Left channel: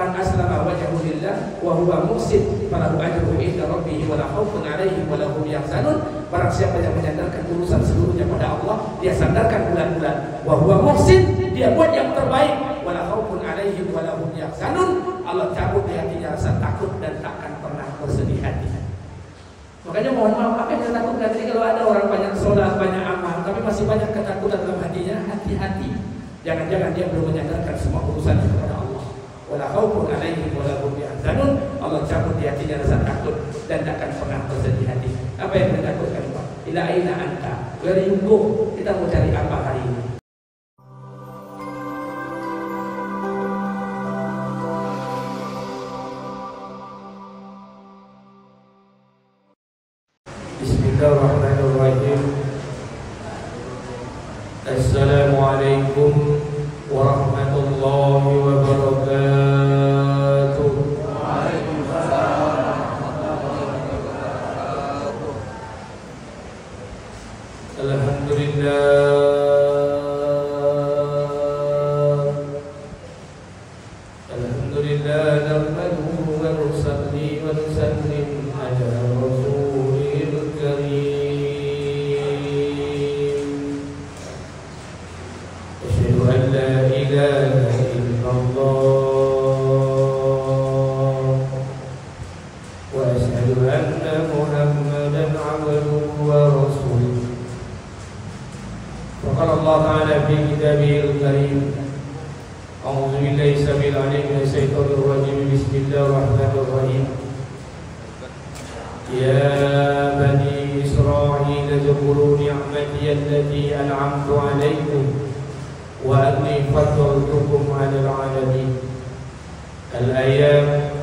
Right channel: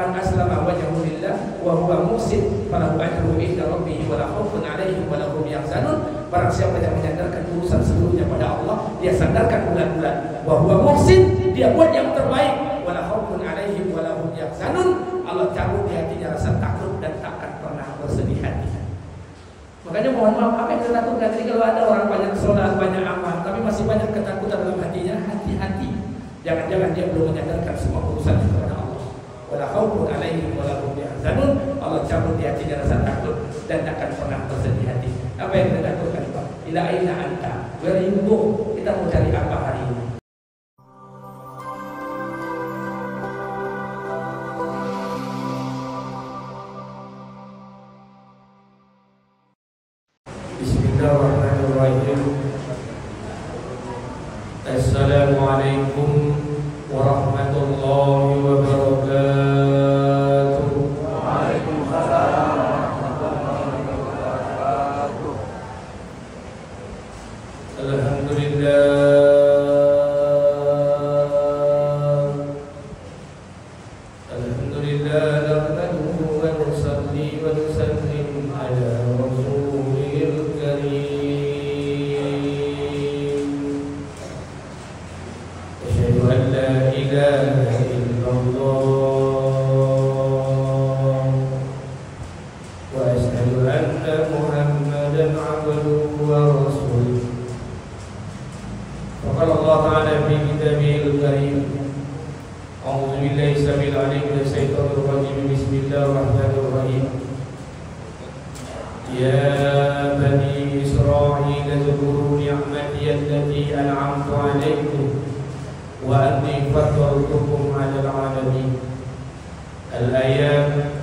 man aslama wajhahu lillah wa huwa muhsin falahu ajruhu inda rabbih wa la khaufun 'alaihim wa la hum yahzanun. Barang siapa yang menyandarkan urusan seluruhnya pada Allah, dia sandarkan bulan-bulan, wa huwa muhsin, dia buat yang terbaik, wa la khaufun 'alaihim wa la hum yahzanun. Allah cabut di hatinya rasa takut dan takkan pernah bersedih hati. Makanya mohon maaf, apa yang kita takutkan? Jadi kalau ada orang banyak sholat, banyak amal, tapi masih banyak ketakutan dalam hatinya, hati-hati. Jangan-jangan dia belum menyandarkan semua urusannya kepada Allah. Wala khaufun 'alaihim wa la hum yahzanun. Allah cabut di hatinya rasa takut dan takkan pernah bersedih hati. Apa yang kita takutkan, Pak? Ila aina anta? Where you go? Kita mau cari apa hari ini? Bismillahirrahmanirrahim. Assalamualaikum warahmatullahi wabarakatuh. Alhamdulillah nahmaduhu wa nusalli wa nusallim ala rasulil karim. Asyhadu an la ilaha illallah wa asyhadu anna Muhammadan abduhu wa rasuluh. Qala Allah Ta'ala fi kitabihil karim. A'udzu billahi samil 'alim minasy syaithanir rajim. Bismillahirrahmanirrahim. Ya bani Israil zkuru ni'mati allati an'amtu 'alaykum wa anni faddaltukum 'alal 'alamin. Al-ayat.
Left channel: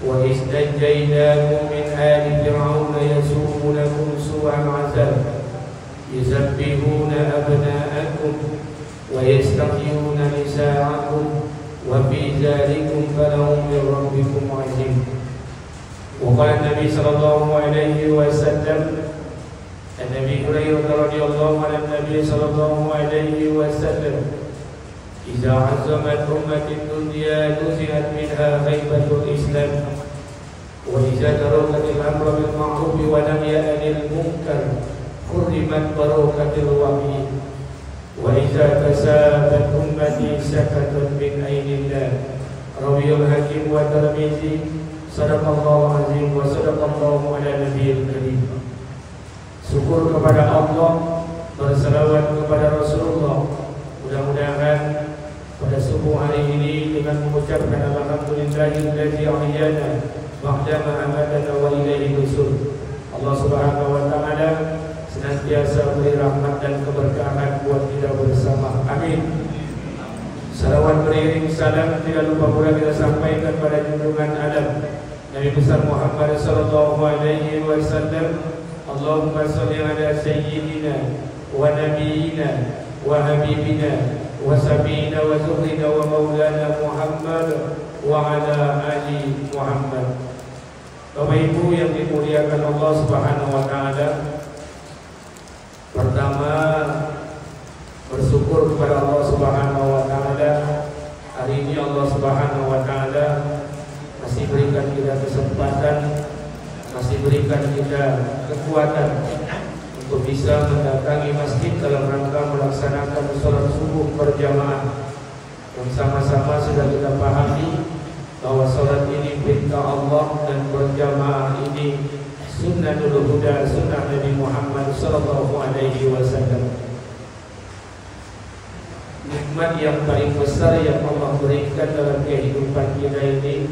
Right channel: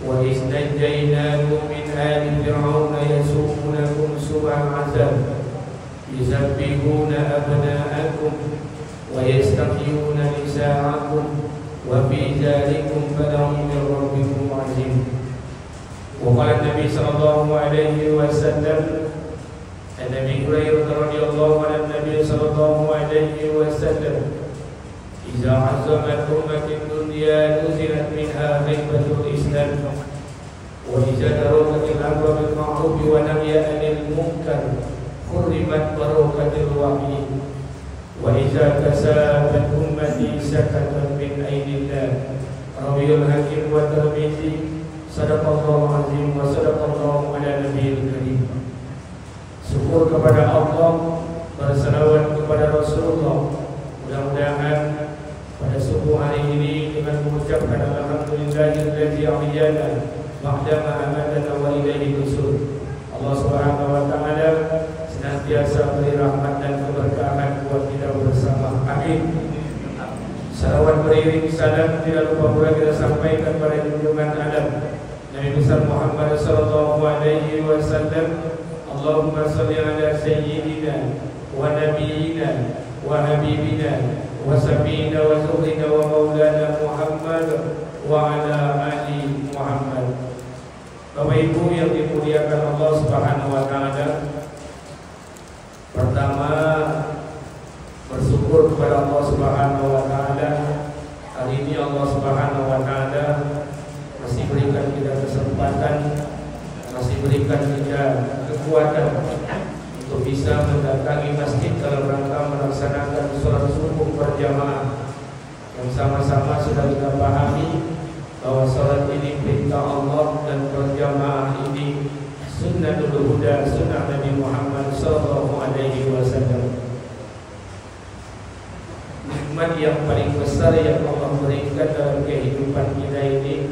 Wa istajaynakum min ali fir'auna yasumunakum su'al 'adzab yusabbihuna abna'akum wa yastahyuna nisa'akum wa fi dzalikum bala'un min rabbikum 'azim. Wa qala Nabi sallallahu alaihi wasallam, An-Nabi Hurairah radhiyallahu anhu, Nabi sallallahu alaihi wasallam, "Idza 'azamat ummatin dunya nuzi'at minha ghaibatul Islam wa idza darakatil amru bil ma'ruf wa nahyi 'anil munkar hurrimat barakatul wahyi wa idza tasabat ummati sakatat min ainillah." Rawiyul Hakim wa Tirmizi. Sadaqallahu azim wa sadaqallahu ala nabiyil karim. Syukur kepada Allah, berselawat kepada Rasulullah. Mudah-mudahan pada subuh hari ini dengan mengucapkan alhamdulillahillazi ahyana ba'da ma amatana wa ilaihi nusyur, Allah Subhanahu wa taala senantiasa beri rahmat dan keberkahan buat kita bersama. Amin. Salawat beriring salam tidak lupa pula kita sampaikan pada junjungan alam Nabi besar Muhammad sallallahu alaihi wasallam. Allahumma shalli ala sayyidina wa nabiyyina wa habibina wa sabina wa zuhrina wa maulana Muhammad wa ala ali Muhammad. Bapak Ibu yang dimuliakan Allah Subhanahu wa taala, pertama bersyukur kepada Allah Subhanahu wa taala. Hari ini Allah Subhanahu wa taala masih berikan kita kesempatan, masih berikan kita kekuatan untuk bisa mendatangi masjid dalam rangka melaksanakan sholat subuh berjamaah yang sama-sama sudah kita pahami bahwa sholat ini perintah Allah dan berjamaah ini sunnatul huda, sunnah Nabi Muhammad sallallahu alaihi wasallam. Nikmat yang paling besar yang Allah berikan dalam kehidupan kita ini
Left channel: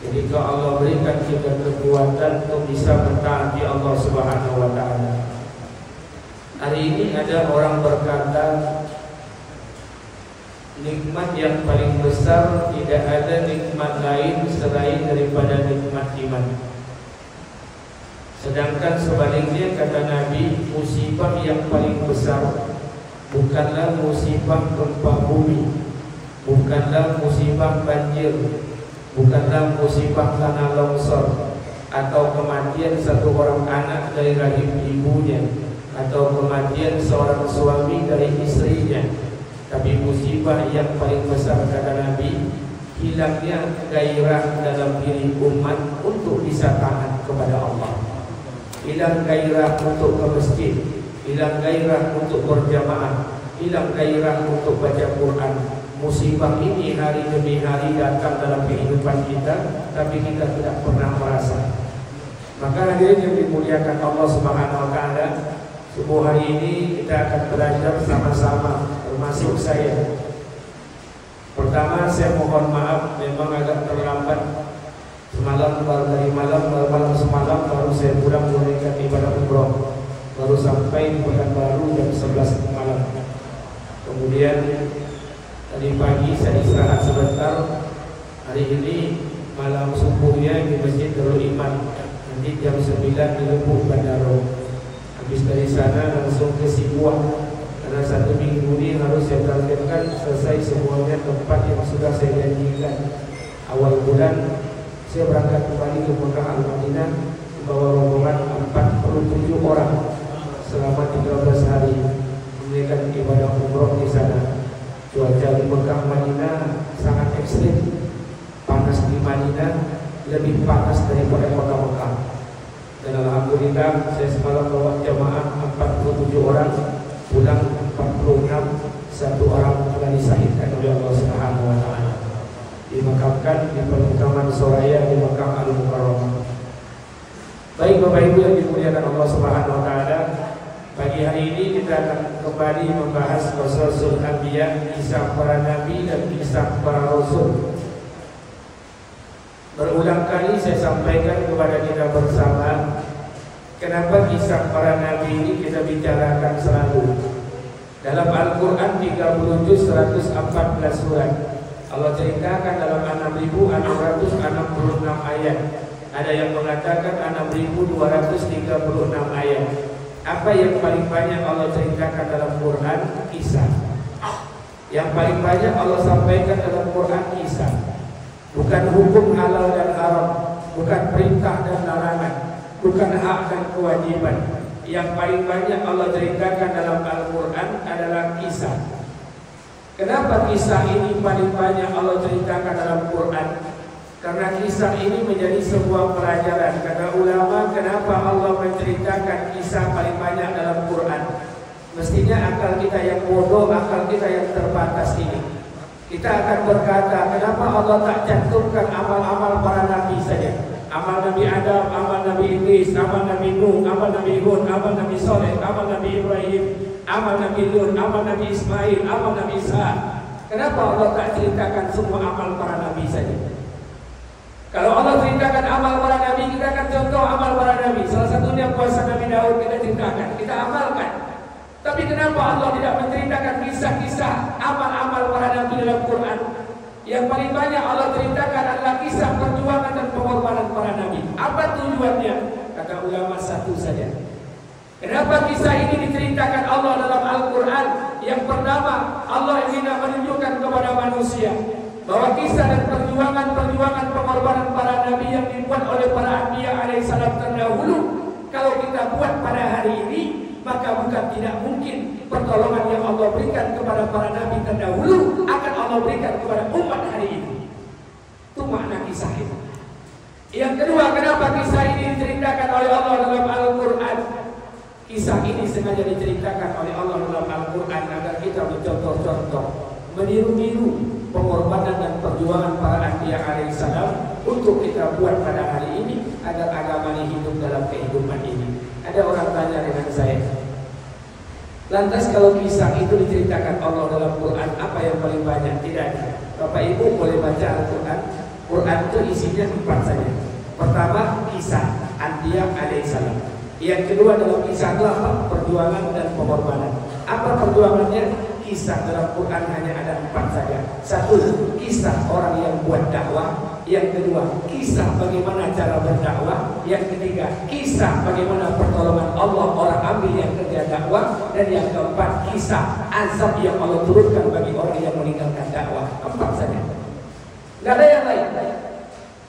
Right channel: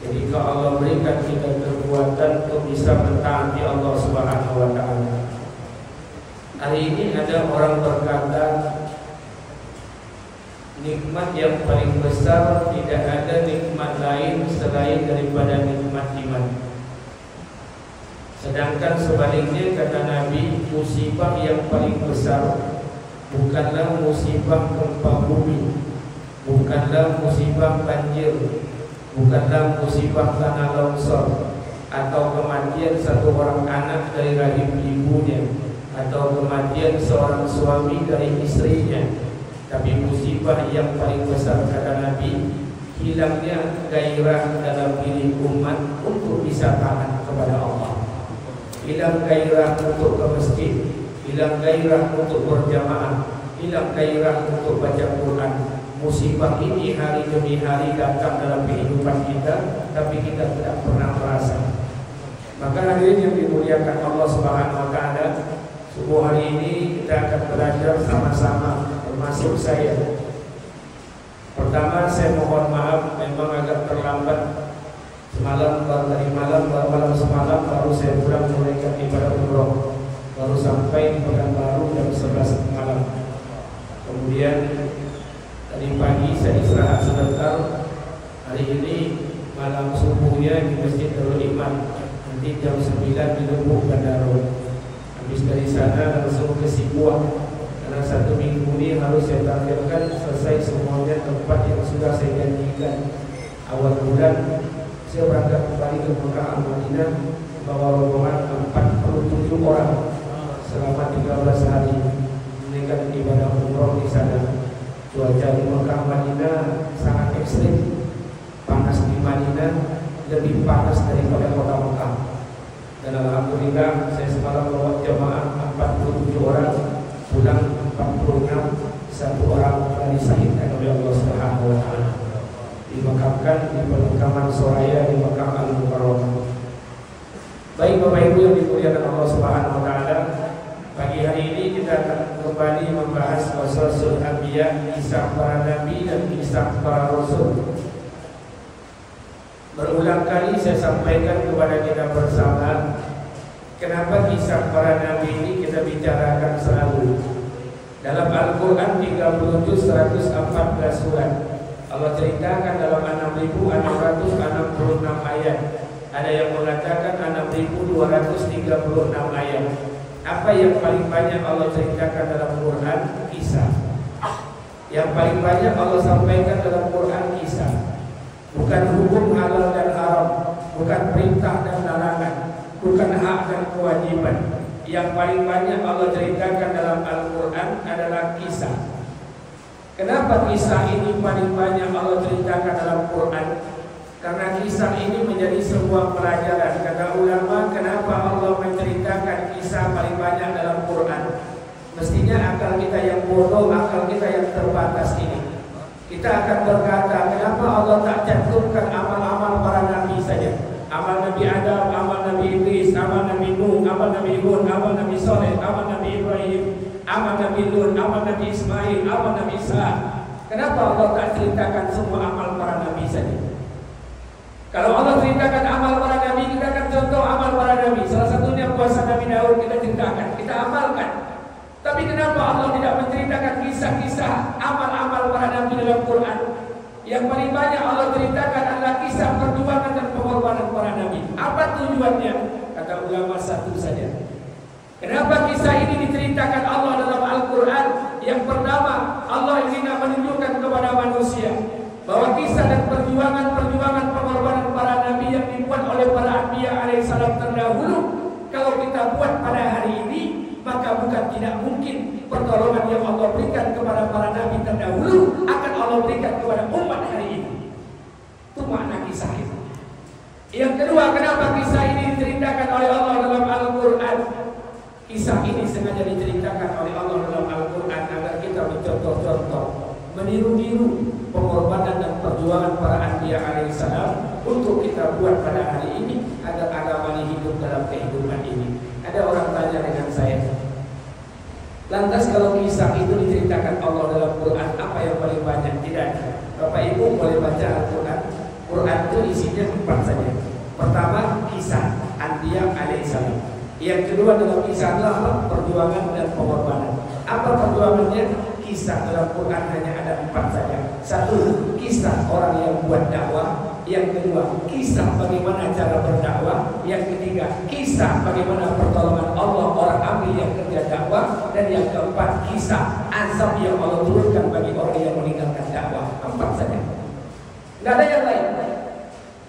ketika Allah berikan kita kekuatan untuk bisa mentaati Allah Subhanahu wa taala. Hari ini ada orang berkata, nikmat yang paling besar tidak ada nikmat lain selain daripada nikmat iman. Sedangkan sebaliknya kata Nabi, musibah yang paling besar bukanlah musibah gempa bumi, bukanlah musibah banjir, bukanlah musibah tanah longsor, atau kematian satu orang anak dari rahim ibunya, atau kematian seorang suami dari istrinya. Tapi musibah yang paling besar kata Nabi hilangnya gairah dalam diri umat untuk bisa taat kepada Allah, hilang gairah untuk ke masjid, hilang gairah untuk berjamaah, hilang gairah untuk baca Quran. Musibah ini hari demi hari datang dalam kehidupan kita, tapi kita tidak pernah merasa. Maka hadirin yang dimuliakan Allah Subhanahu wa taala, subuh hari ini kita akan belajar sama-sama, termasuk saya. Pertama, saya mohon maaf memang agak terlambat. Semalam baru saya pulang menunaikan ibadah umroh. Baru sampai di Pekanbaru jam 11 malam. Kemudian tadi pagi saya istirahat sebentar. Hari ini malam subuhnya di Masjid Darul Iman. Nanti jam 9 di Lubuk Bandaro. Habis dari sana langsung ke Sibuan. Karena 1 minggu ini harus saya targetkan selesai semuanya tempat yang sudah saya janjikan. Awal bulan saya berangkat kembali ke Mekah Al-Madinah membawa rombongan 47 orang selama 13 hari menunaikan ibadah umroh di sana. Cuaca di Mekah Madinah sangat ekstrim. Panas di Madinah lebih panas daripada kota Mekah. Dan alhamdulillah saya semalam bawa jamaah 47 orang, pulang 46, 1 orang telah disahidkan oleh Allah Subhanahu wa taala. Dimakamkan di pemakaman Soraya di Mekah Al-Mukarramah. Baik Bapak Ibu yang dimuliakan Allah Subhanahu wa taala, pagi hari ini kita akan kembali membahas Qasasul Anbiya, kisah para nabi dan kisah para rasul. Berulang kali saya sampaikan kepada kita bersama, kenapa kisah para nabi ini kita bicarakan selalu. Dalam Al-Quran 37 114 surat Allah ceritakan dalam 6.666 ayat. Ada yang mengatakan 6.236 ayat. Apa yang paling banyak Allah ceritakan dalam Quran? Kisah. Yang paling banyak Allah sampaikan dalam Quran kisah. Bukan hukum halal dan haram, bukan perintah dan larangan, bukan hak dan kewajiban. Yang paling banyak Allah ceritakan dalam Al-Quran adalah kisah. Kenapa kisah ini paling banyak Allah ceritakan dalam Quran? Karena kisah ini menjadi sebuah pelajaran. Kata ulama, kenapa Allah menceritakan kisah paling banyak dalam Quran? Mestinya akal kita yang bodoh, akal kita yang terbatas ini, kita akan berkata, kenapa Allah tak cantumkan amal-amal para nabi saja? Amal Nabi Adam, amal Nabi Idris, amal Nabi Nuh, amal Nabi Hud, amal Nabi Saleh, amal Nabi Ibrahim, amal Nabi Lut, amal Nabi Ismail, amal Nabi Isa. Kenapa Allah tak ceritakan semua amal para nabi saja? Kalau Allah ceritakan amal para nabi, kita akan contoh amal para nabi. Salah satunya puasa Nabi Daud kita ceritakan, kita amalkan. Tapi kenapa Allah tidak menceritakan kisah-kisah amal-amal para nabi dalam Quran? Yang paling banyak Allah ceritakan adalah kisah perjuangan dan pengorbanan para nabi. Apa tujuannya? Kata ulama satu saja. Kenapa kisah ini diceritakan Allah dalam Al-Quran? Yang pertama, Allah ingin menunjukkan kepada manusia bahwa kisah dan perjuangan pengorbanan para nabi yang dibuat oleh para anbiya alaihissalam terdahulu, kalau kita buat pada hari ini, maka bukan tidak mungkin pertolongan yang Allah berikan kepada para nabi terdahulu akan Allah berikan kepada umat hari ini. Itu makna kisah itu. Yang kedua, kenapa kisah ini diceritakan oleh Allah dalam Al-Quran? Kisah ini sengaja diceritakan oleh Allah dalam Al-Quran agar kita mencontoh-contoh, meniru-niru pengorbanan dan perjuangan para anbiya alaihissalam untuk kita buat pada hari ini agar agama ini hidup dalam kehidupan ini. Ada orang tanya dengan saya, lantas kalau kisah itu diceritakan Allah dalam Quran, apa yang paling banyak? Tidak. Bapak Ibu boleh baca Al-Quran. Quran itu isinya 4 saja. Pertama, kisah anbiya alaihissalam. Yang kedua dalam kisah adalah perjuangan dan pengorbanan. Apa perjuangannya? Kisah dalam Quran hanya ada 4 saja. Satu, kisah orang yang buat dakwah. Yang kedua, kisah bagaimana cara berdakwah. Yang ketiga, kisah bagaimana pertolongan Allah orang ambil yang kerja dakwah. Dan yang keempat, kisah azab yang Allah turunkan bagi orang yang meninggalkan dakwah. 4 saja, nggak ada yang lain.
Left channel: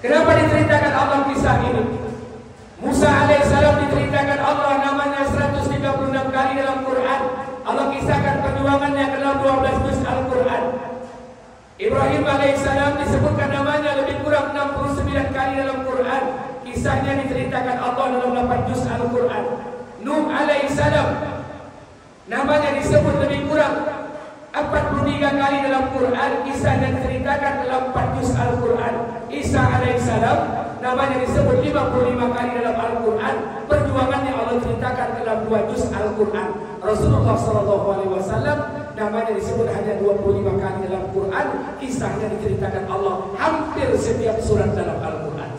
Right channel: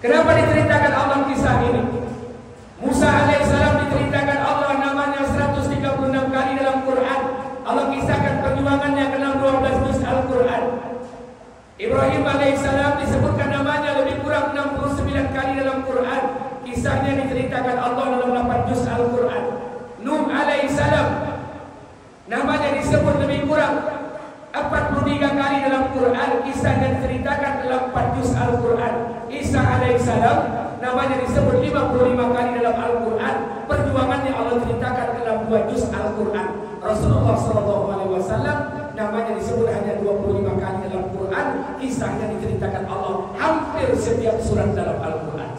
Kenapa diceritakan Allah kisah ini? Musa alaihissalam diceritakan Allah namanya 136 kali dalam Quran. Allah kisahkan perjuangannya dalam 12 juz Al-Quran. Ibrahim alaihissalam disebutkan kali dalam Quran. Kisahnya diceritakan Allah dalam 8 juz Al-Quran. Nuh alaihissalam namanya disebut lebih kurang 43 kali dalam Quran. Kisahnya diceritakan dalam 4 juz Al-Quran. Isa alaihissalam namanya disebut 55 kali dalam Al-Quran. Perjuangannya Allah ceritakan dalam 2 juz Al-Quran. Rasulullah SAW namanya disebut hanya 25 kali dalam Quran. Kisahnya diceritakan Allah hampir setiap surat dalam Al-Quran.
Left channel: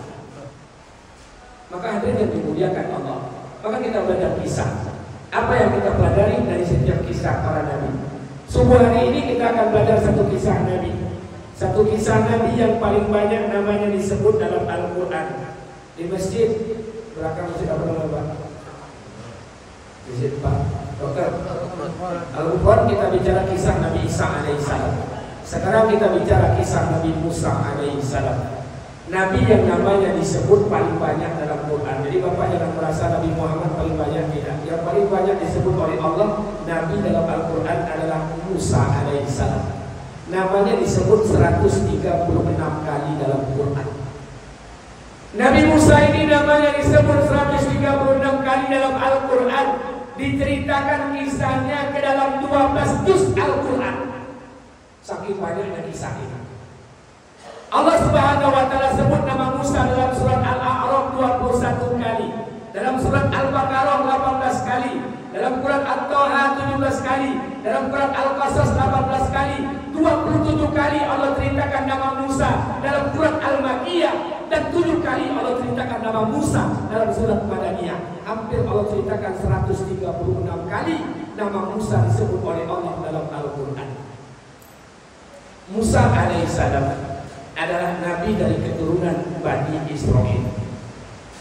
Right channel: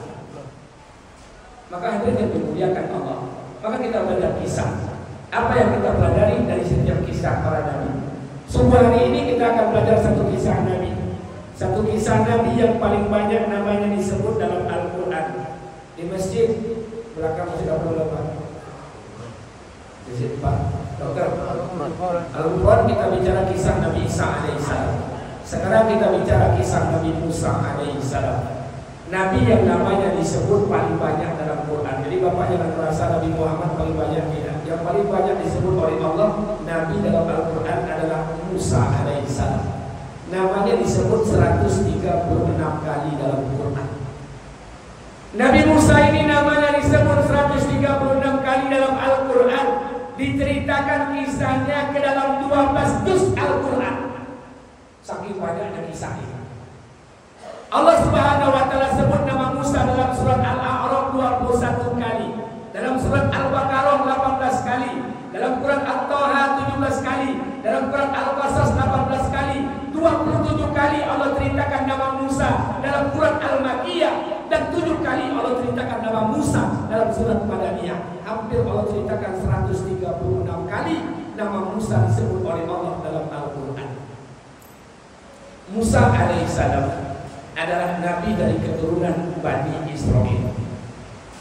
Maka hadirin yang dimuliakan Allah, maka kita belajar kisah. Apa yang kita pelajari dari setiap kisah para nabi? Subuh hari ini kita akan belajar satu kisah nabi. Satu kisah nabi yang paling banyak namanya disebut dalam Al-Quran. Di masjid belakang sudah berapa? Masjid Pak Dokter. Al-Quran kita bicara kisah Nabi Isa alaihissalam. Sekarang kita bicara kisah Nabi Musa alaihissalam. Nabi yang namanya disebut paling banyak dalam Quran. Jadi Bapak jangan merasa Nabi Muhammad paling banyak, tidak. Yang paling banyak disebut oleh Allah Nabi dalam Al-Quran adalah Musa alaihissalam. Namanya disebut 136 kali dalam Quran. Nabi Musa ini namanya disebut 136 kali dalam Al-Quran. Diceritakan kisahnya ke dalam 12 juz Al-Quran. Saking banyaknya kisah ini. Allah Subhanahu wa taala sebut nama Musa dalam surat Al-A'raf 21 kali, dalam surat Al-Baqarah 18 kali, dalam Quran At-Taha 17 kali, dalam Quran Al-Qasas 18 kali, 27 kali Allah ceritakan nama Musa dalam Quran Al-Makkiyah, dan 7 kali Allah ceritakan nama Musa dalam surat Madaniyah. Hampir Allah ceritakan 136 kali nama Musa disebut oleh Allah dalam Al-Quran. Musa alaihissalam adalah nabi dari keturunan Bani Israel.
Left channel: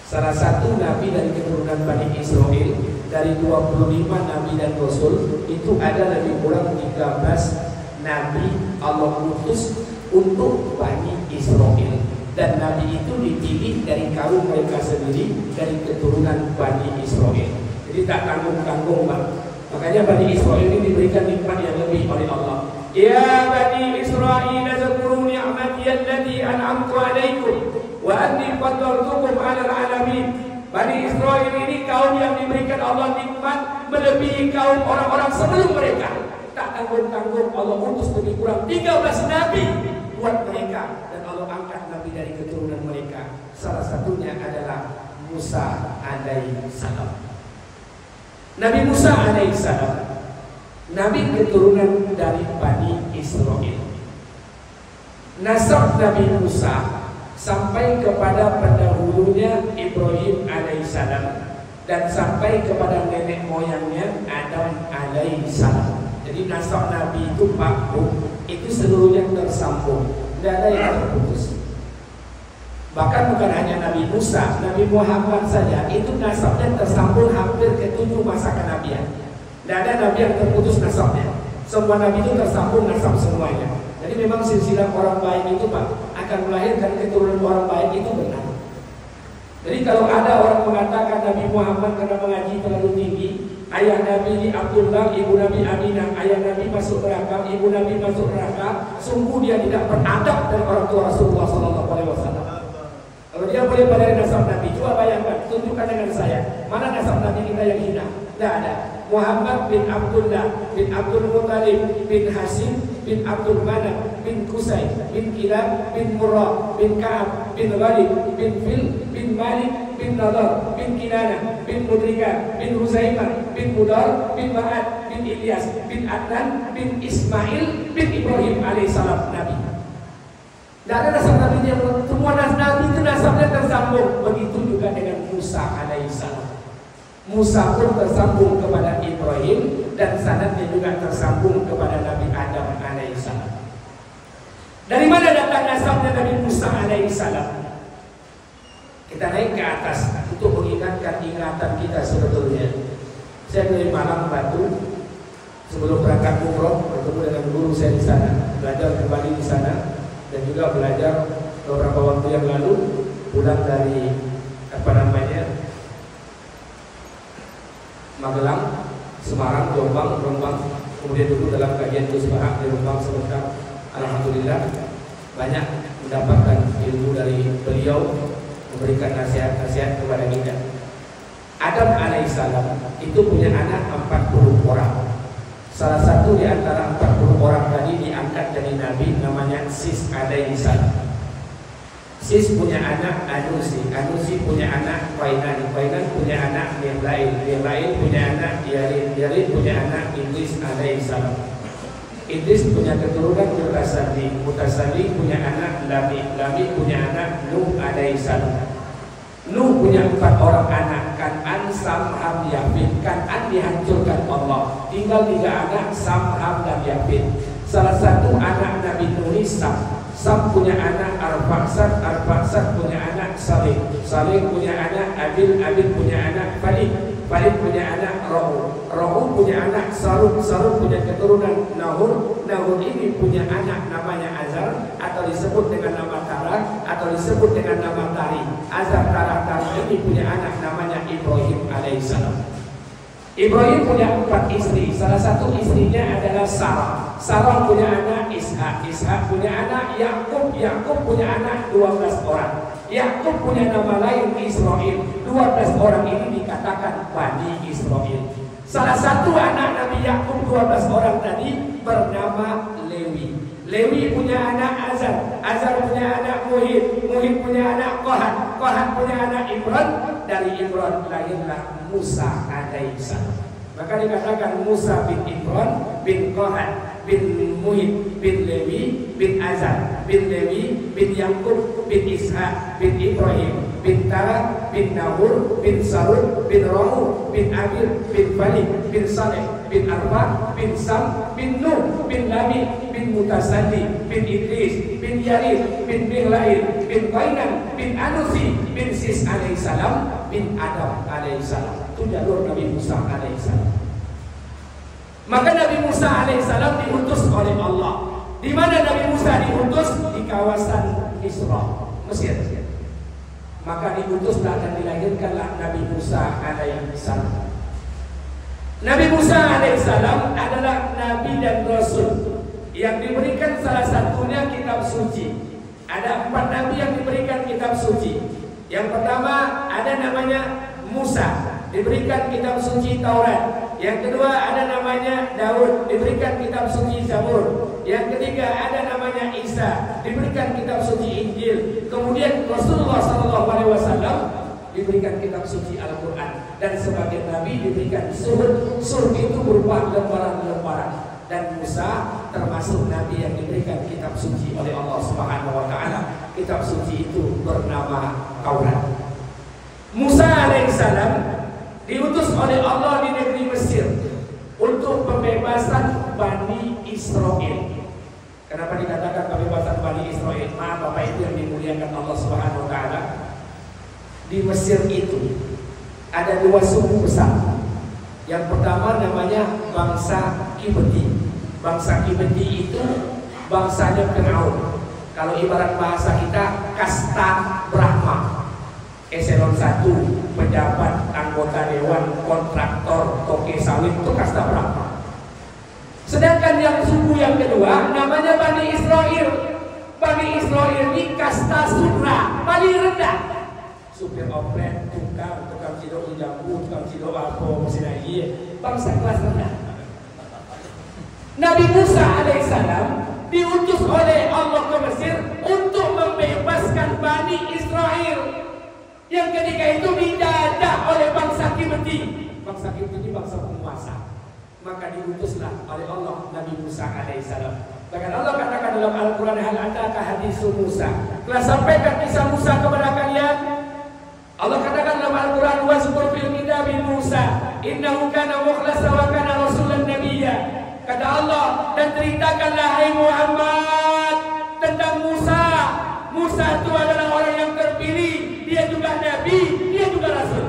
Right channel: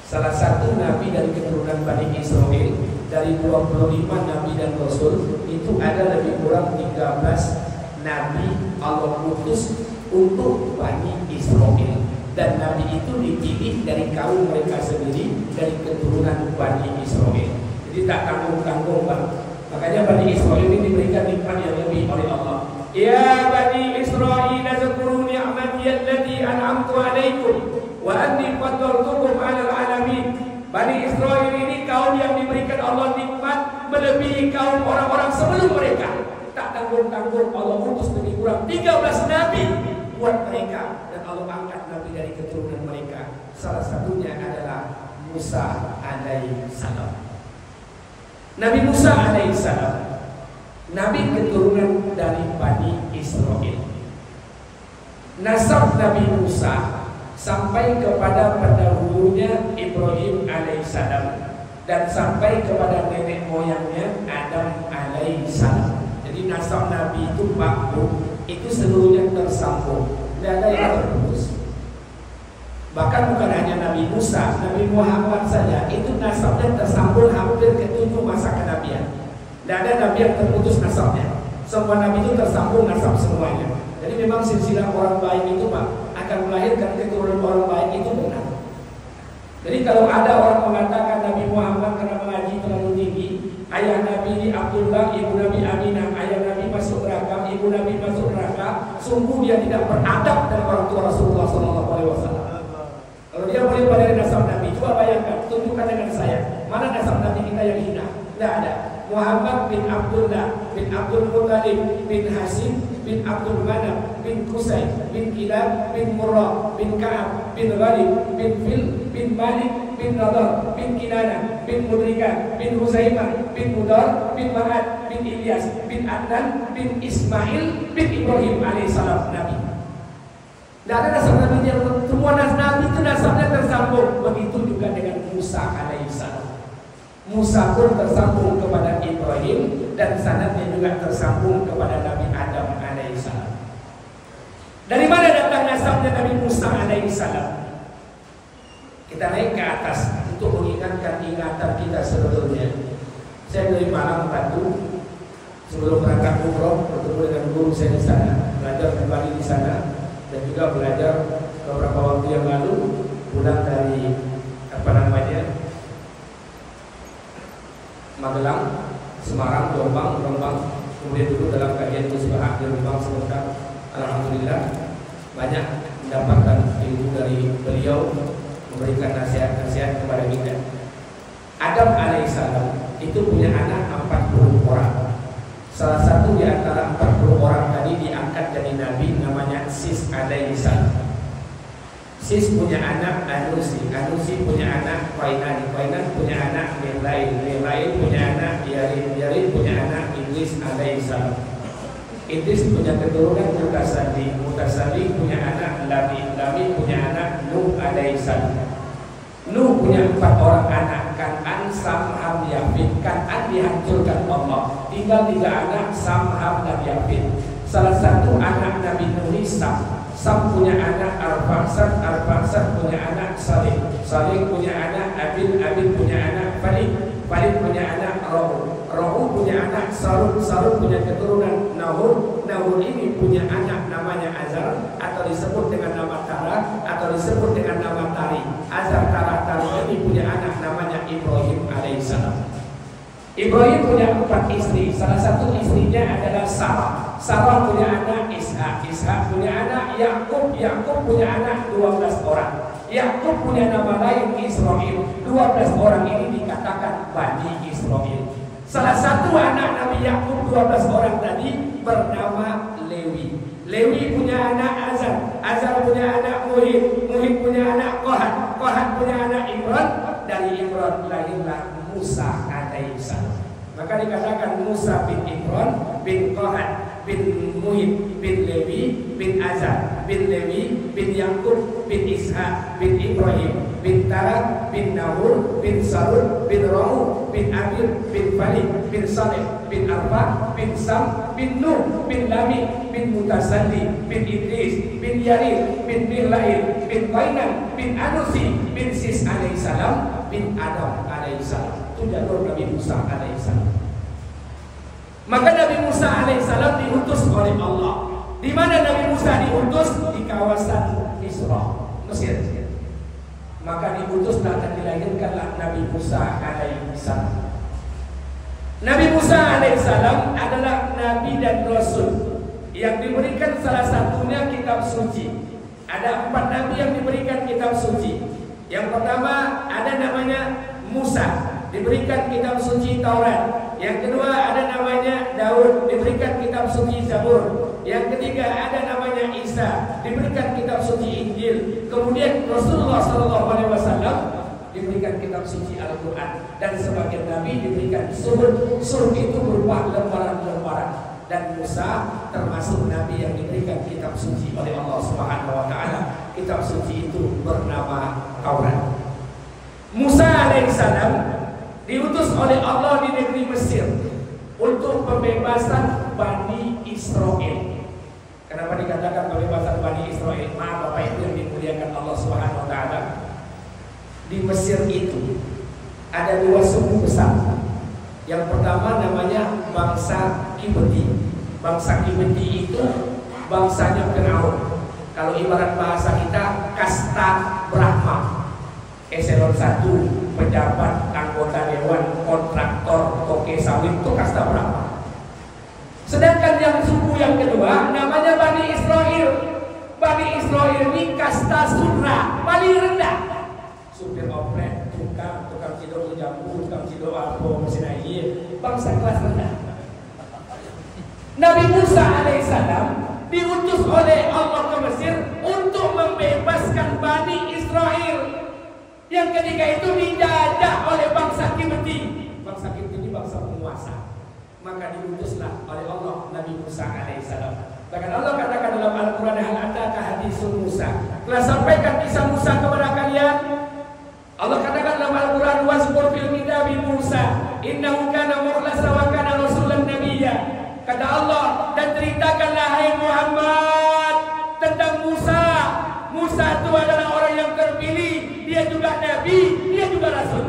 Salah satu nabi dari keturunan Bani Israel. Dari 25 nabi dan rasul, itu ada lebih kurang 13 nabi Allah utus untuk Bani Israel. Dan nabi itu dipilih dari kaum mereka sendiri, dari keturunan Bani Israel. Jadi tak tanggung-tanggung, Bang. Makanya Bani Israel ini diberikan nikmat yang lebih oleh Allah. Ya Bani Israel, zkuru ni'mati allati an'amtu 'alaikum wa anni faddaltukum 'alal 'alamin. Bani Israel ini kaum yang diberikan Allah nikmat melebihi kaum orang-orang sebelum mereka. Tak tanggung-tanggung Allah utus lebih kurang 13 nabi buat mereka, dan Allah angkat nabi dari keturunan mereka. Salah satunya adalah Musa alaihissalam. Nabi Musa alaihissalam nabi keturunan dari Bani Israel. Nasab Nabi Musa sampai kepada pendahulunya Ibrahim alaihissalam, dan sampai kepada nenek moyangnya Adam alaihissalam. Jadi nasab Nabi itu makhluk, itu seluruhnya tersambung, tidak ada yang terputus. Bahkan bukan hanya Nabi Musa, Nabi Muhammad saja itu nasabnya tersambung hampir ke 7 masa kenabian. Tidak ada nabi yang terputus nasabnya. Semua nabi itu tersambung nasab semuanya. Jadi memang silsilah orang baik itu Pak akan melahirkan keturunan orang baik itu benar. Jadi kalau ada orang mengatakan Nabi Muhammad karena mengaji terlalu tinggi, ayah Nabi di Abdullah, ibu Nabi Aminah, ayah Nabi masuk neraka, ibu Nabi masuk neraka, sungguh dia tidak beradab dengan orang tua Rasulullah SAW. Kalau dia boleh pelajari nasab Nabi, coba bayangkan, tunjukkan dengan saya, mana nasab Nabi kita yang hina? Tidak ada. Muhammad bin Abdullah bin Abdul Muttalib bin Hashim bin Abdul Manaf bin Qusay bin Kilab bin Murrah bin Ka'ab bin Ghalib bin Fil bin Malik bin Nadar bin Kinana bin Mudrika bin Huzaimah bin Mudar bin Ma'ad bin Ilyas bin Adnan bin Ismail bin Ibrahim alaihissalam nabi. Tidak ada nasab nabi yang semua nabi itu nasabnya tersambung. Begitu juga dengan Musa alaihissalam. Musa pun tersambung kepada Ibrahim, dan sanadnya juga tersambung kepada Nabi Adam alaihissalam. Dari mana datang nasabnya Nabi Musa alaihissalam? Kita naik ke atas untuk mengingatkan ingatan kita sebetulnya. Saya dari Malang, Batu. Sebelum berangkat umroh, bertemu dengan guru saya di sana, belajar kembali di sana, dan juga belajar beberapa waktu yang lalu pulang dari Magelang, Semarang, Jombang, Rembang, kemudian dulu dalam kajian Kusbahak di Rembang sebentar. Alhamdulillah banyak mendapatkan ilmu dari beliau itu punya anak 40 orang. Salah satu di antara 40 orang tadi diangkat jadi nabi, namanya Sis alaihi salam. Sis punya anak Anusi, Anusi punya anak Qainan, Qainan punya anak Milail, Milail punya anak Yarin, Yarin punya anak Idris alaihi salam. Idris punya keturunan Mutasali, Mutasali punya anak Lami, Lami punya anak Nuh alaihi salam. Nuh punya 4 orang anak, Kan'an, Sam, Ham, Yafid. Kan'an dihancurkan Allah, tinggal 3 anak, Sam, Ham, dan Yafid. Salah satu anak Nabi Nuh Sam. Sam punya anak Arfaksad, Arfaksad punya anak Salih, Salih punya anak Abil, Abil punya anak Falid, Falid punya anak Rohu, Rohu punya anak Saruk, Saruk punya keturunan Nahur, Nahur ini punya anak namanya Azar, atau disebut dengan nama Tara, atau disebut dengan nama Tari. Azar, Tara, Tari ini punya anak namanya Ibrahim alaihissalam. Ibrahim punya 4 istri, salah satu istrinya adalah Sarah. Sarah punya anak Ishak, Ishak punya anak Yakub, Yakub punya anak 12 orang. Yakub punya nama lain Israel. 12 orang ini dikatakan Bani Israel. Salah satu anak Nabi Yakub 12 orang tadi bernama Lewi. Lewi punya anak Azar, Azar punya anak Muhid, Muhid punya anak Kohat, Kohat punya anak Imran. Dari Imran lahirlah Musa alaihissalam. Maka dikatakan Musa bin Imran bin Kohat bin Muhid bin Lewi bin Azar bin Lewi bin Yakub bin Ishak bin Ibrahim bin Tara bin Nahur bin Sarud bin Rahu bin Amir bin Falid bin Saleh bin Arfa bin Sam bin Nuh bin Lami bin Mutasali bin Idris bin Yarid bin Milail bin Qainan bin Anusi bin Sis alaihissalam bin Adam alaihissalam. Itu jalur Nabi Musa alaihissalam. Maka Nabi Musa alaihissalam diutus oleh Allah. Di mana Nabi Musa diutus? Di kawasan Isra, Mesir. Maka diutuslah dan dilahirkanlah Nabi Musa alaihissalam. Nabi Musa alaihissalam adalah Nabi dan Rasul yang diberikan salah satunya kitab suci. Ada 4 Nabi yang diberikan kitab suci. Yang pertama ada namanya Musa, diberikan kitab suci Taurat. Yang kedua ada namanya Daud, diberikan kitab suci Zabur. Yang ketiga ada namanya Isa, diberikan kitab suci Injil. Kemudian Rasulullah SAW diberikan kitab suci Al-Quran. Dan sebagian Nabi diberikan surut. Surut itu berupa lembaran-lembaran. Dan Musa termasuk Nabi yang diberikan kitab suci oleh Allah Subhanahu Wa Taala. Kitab suci itu bernama Taurat. Musa alaihissalam diutus oleh Allah di negeri Mesir untuk pembebasan Bani Israel. Kenapa dikatakan pembebasan Bani Israel? Maaf Bapak Ibu yang dimuliakan Allah Subhanahu Wa Taala. Di Mesir itu ada 2 suku besar. Yang pertama namanya bangsa Kibti. Bangsa Kibti itu bangsanya Firaun. Kalau ibarat bahasa kita kasta Brahma. Eselon 1, pejabat, anggota dewan, kontraktor, toke sawit itu kasta Brahma. Sedangkan yang suku yang kedua namanya Bani Israel. Bani Israel ini kasta Sudra, paling rendah. Supir oplet, tukang cidok jambu, tukang cidok alpo, mesin air, bangsa kelas rendah. Nabi Musa alaihissalam diutus oleh Allah ke Mesir untuk membebaskan Bani Israel. Yang ketika itu dijajah oleh bangsa Kibti. Bangsa Kibti ini bangsa penguasa. Maka diutuslah oleh Allah Nabi Musa alaihissalam. Bahkan Allah katakan dalam Al-Quran, hal ataka hadisu Musa, telah sampaikan kisah Musa kepada kalian. Allah katakan dalam Al-Quran, wazkur fil kitabi Musa innahu kana mukhlasa wa kana rasulan nabiyya. Kata Allah, dan ceritakanlah hai Muhammad tentang Musa. Musa itu adalah orang yang terpilih, dia juga nabi, dia juga rasul.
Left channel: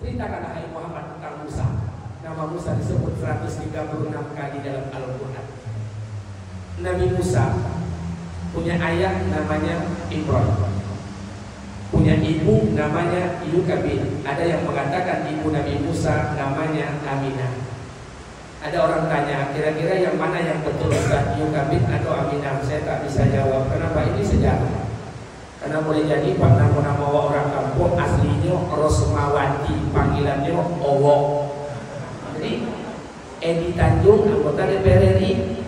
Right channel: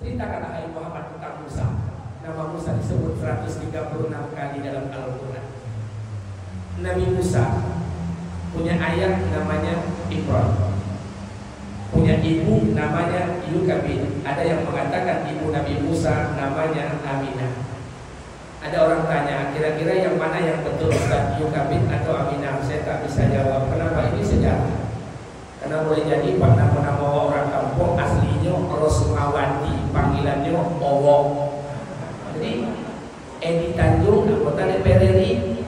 Ceritakanlah hai Muhammad tentang Musa. Nama Musa disebut 136 kali dalam Al-Quran. Nabi Musa punya ayah namanya Imran, punya ibu namanya Yukabin. Ada yang mengatakan ibu Nabi Musa namanya Aminah. Ada orang tanya, kira-kira yang mana yang betul, Ustaz, Yukabin atau Aminah? Saya tak bisa jawab. Kenapa? Ini sejarah. Karena boleh jadi nama-nama orang kampung aslinya Rosmawati, panggilannya Owo. Edi Tanjung, anggota DPR RI,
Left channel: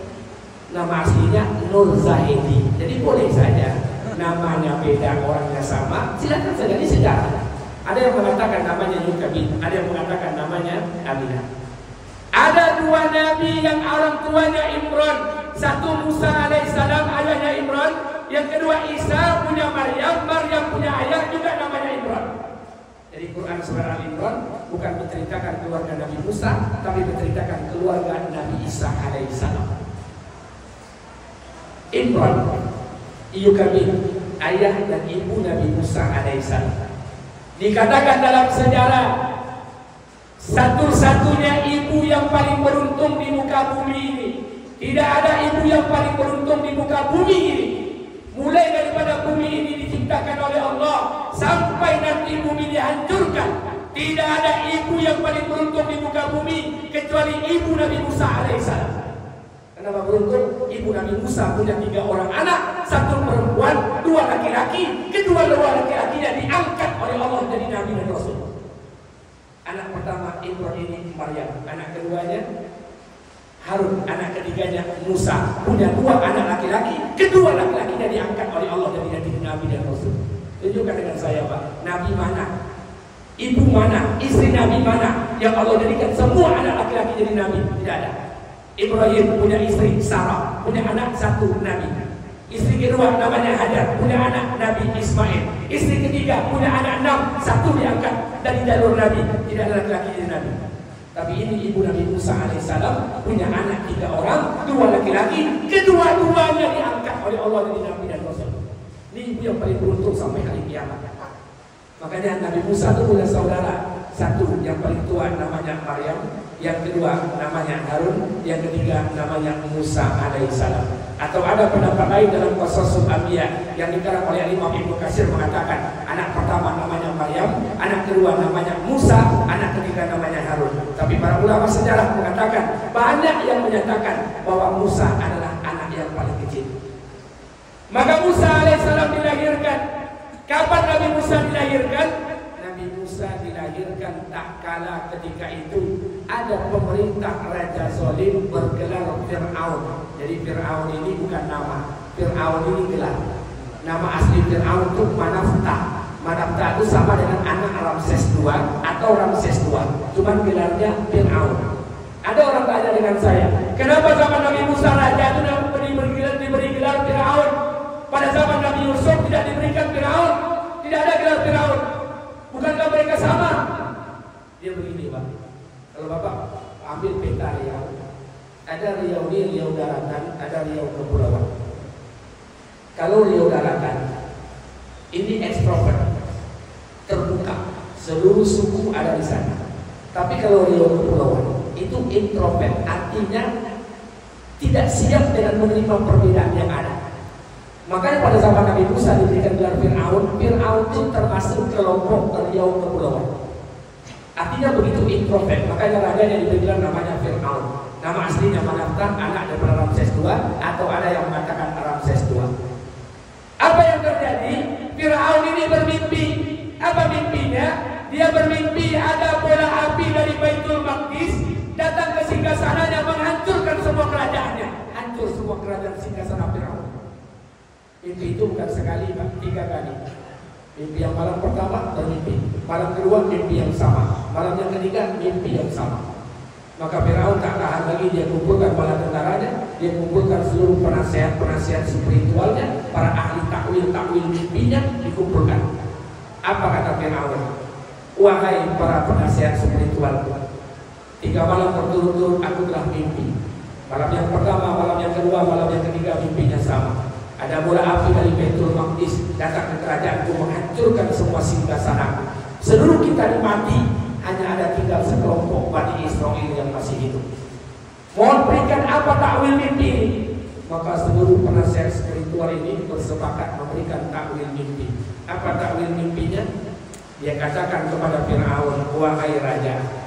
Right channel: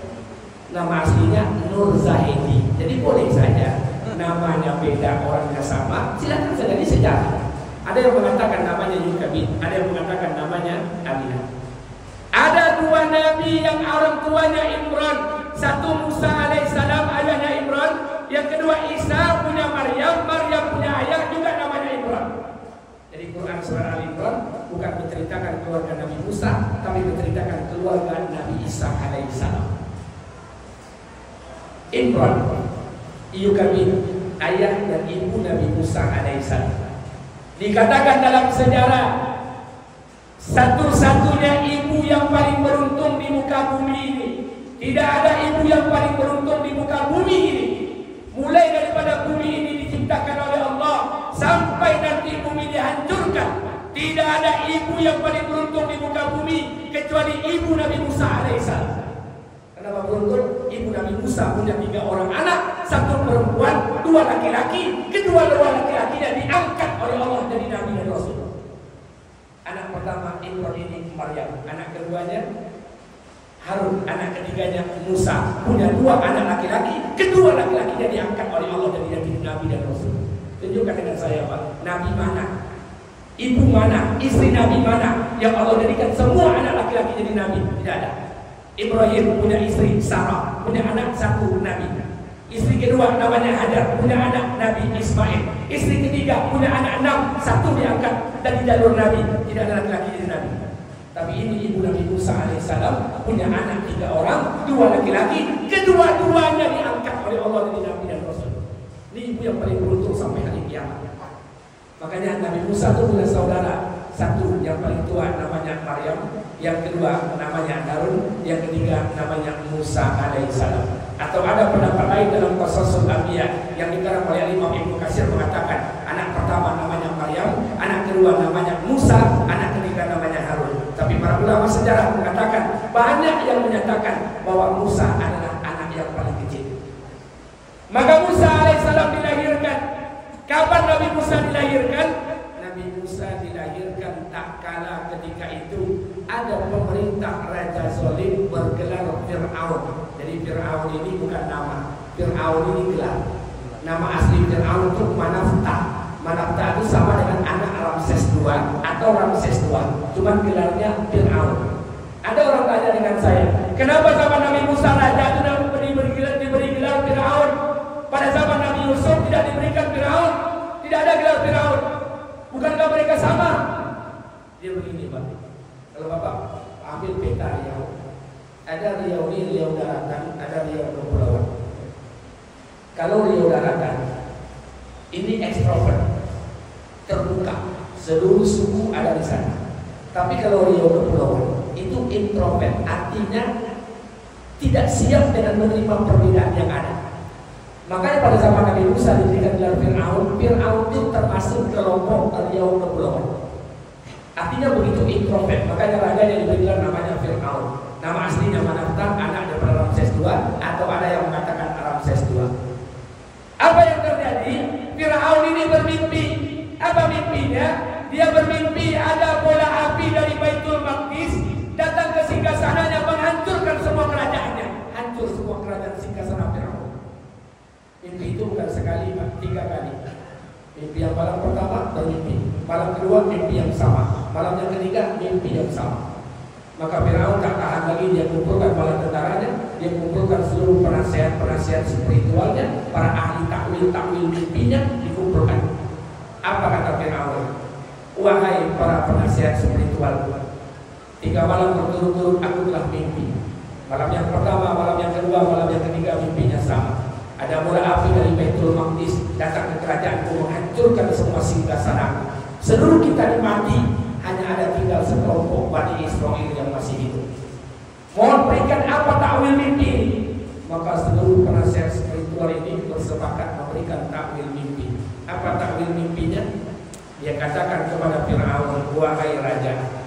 nama aslinya Nur Zahedi. Jadi boleh saja namanya beda, orangnya sama, silakan saja di sejarah. Ada yang mengatakan namanya Yukabin, ada yang mengatakan namanya Aminah. Ada dua nabi yang orang tuanya Imran. Satu Musa alaihissalam, ayahnya Imran. Yang kedua Isa punya Maryam, Maryam punya ayah juga namanya Imran. Jadi Quran surah Al-Imran bukan menceritakan keluarga Nabi Musa, tapi menceritakan keluarga Nabi Isa alaihissalam. Imran, Yukabin, ayah dan ibu Nabi Musa alaihissalam. Dikatakan dalam sejarah, satu-satunya ibu yang paling beruntung di muka bumi ini. Tidak ada ibu yang paling beruntung di muka bumi ini. Mulai daripada bumi ini diciptakan oleh Allah sampai nanti bumi dihancurkan, tidak ada ibu yang paling beruntung di muka bumi kecuali ibu Nabi Musa alaihissalam. Kenapa beruntung? Ibu Nabi Musa punya 3 orang anak, 1 perempuan, 2 laki-laki. Kedua laki-lakinya diangkat oleh Allah jadi Nabi dan Rasul. Anak pertama Imran ini Maryam, anak keduanya Harun, anak ketiganya Musa. Punya 2 anak laki-laki, kedua laki-lakinya diangkat oleh Allah jadi Nabi dan Rasul. Tunjukkan dengan saya, Pak, Nabi mana? Ibu mana? Istri Nabi mana? Yang Allah jadikan semua anak laki-laki jadi Nabi? Tidak ada. Ibrahim punya istri Sarah, punya anak 1 Nabi. Istri kedua namanya Hajar, punya anak Nabi Ismail. Istri ketiga punya anak 6, 1 diangkat dari jalur Nabi. Tidak ada laki-laki jadi Nabi. Tapi ini ibu Nabi Musa alaihissalam punya anak 3 orang, 2 laki-laki. Kedua-duanya diangkat oleh Allah jadi Nabi dan Rasul. Ini ibu yang paling beruntung sampai hari kiamat. Makanya Nabi Musa itu punya saudara 1 yang paling tua namanya Maryam, yang kedua namanya Harun, yang ketiga namanya Musa alaihissalam. Atau ada pendapat lain dalam Qasasul Anbiya yang dikarang oleh Imam Ibnu Katsir mengatakan anak pertama namanya Maryam, anak kedua namanya Musa, anak ketiga namanya Harun. Tapi para ulama sejarah mengatakan banyak yang menyatakan bahwa Musa adalah anak yang paling kecil. Maka Musa alaihissalam dilahirkan. Kapan Nabi Musa dilahirkan? Nabi Musa dilahirkan tak kala ketika itu ada pemerintah Raja Zalim bergelar Fir'aun. Jadi Fir'aun ini bukan nama, Fir'aun ini gelar. Nama asli Fir'aun itu Manafta. Manafta itu sama dengan anak Ramses II atau Ramses II, cuman gelarnya Fir'aun. Ada orang tanya dengan saya, kenapa zaman Nabi Musa raja itu diberi gelar Fir'aun? Pada zaman Nabi Yusuf tidak diberikan Fir'aun, tidak ada gelar Fir'aun. Bukankah mereka sama? Dia begini, Pak. Kalau Bapak ambil peta Riau, ada Riau ini Riau daratan, ada Riau kepulauan. Kalau Riau daratan ini ekstrovert, terbuka, seluruh suku ada di sana. Tapi kalau Riau kepulauan itu introvert, artinya tidak siap dengan menerima perbedaan yang ada. Makanya pada zaman Nabi Musa diberikan gelar Fir'aun. Fir'aun itu termasuk kelompok Riau kepulauan. Artinya begitu introvert, makanya rajanya diberi gelar namanya Fir'aun. Nama aslinya Manafta, anak daripada Ramses II, atau ada yang mengatakan Ramses II. Apa yang terjadi? Fir'aun ini bermimpi. Apa mimpinya? Dia bermimpi ada bola api dari Baitul Maqdis datang ke singgasananya, menghancurkan semua kerajaannya. Hancur semua kerajaan singgasana Fir'aun. Mimpi itu bukan sekali, 3 kali. Mimpi yang malam pertama bermimpi, malam kedua mimpi yang sama, malam yang ketiga mimpi yang sama. Maka Firaun tak tahan lagi, dia kumpulkan bala tentaranya, dia kumpulkan seluruh penasihat spiritualnya, para ahli takwil mimpinya dikumpulkan. Apa kata Firaun? Wahai para penasihat spiritual, 3 malam berturut-turut aku telah mimpi. Malam yang pertama, malam yang kedua, malam yang ketiga mimpinya sama. Ada bola api dari Baitul Maqdis datang ke kerajaanku, menghancurkan semua singgasana. Seluruh kita dimati, hanya ada tinggal sekelompok Bani Israel yang masih hidup. Mohon berikan apa takwil mimpi ini? Maka seluruh penasihat spiritual ini bersepakat memberikan takwil mimpi. Apa takwil mimpinya? Dia katakan kepada Fir'aun, wahai raja,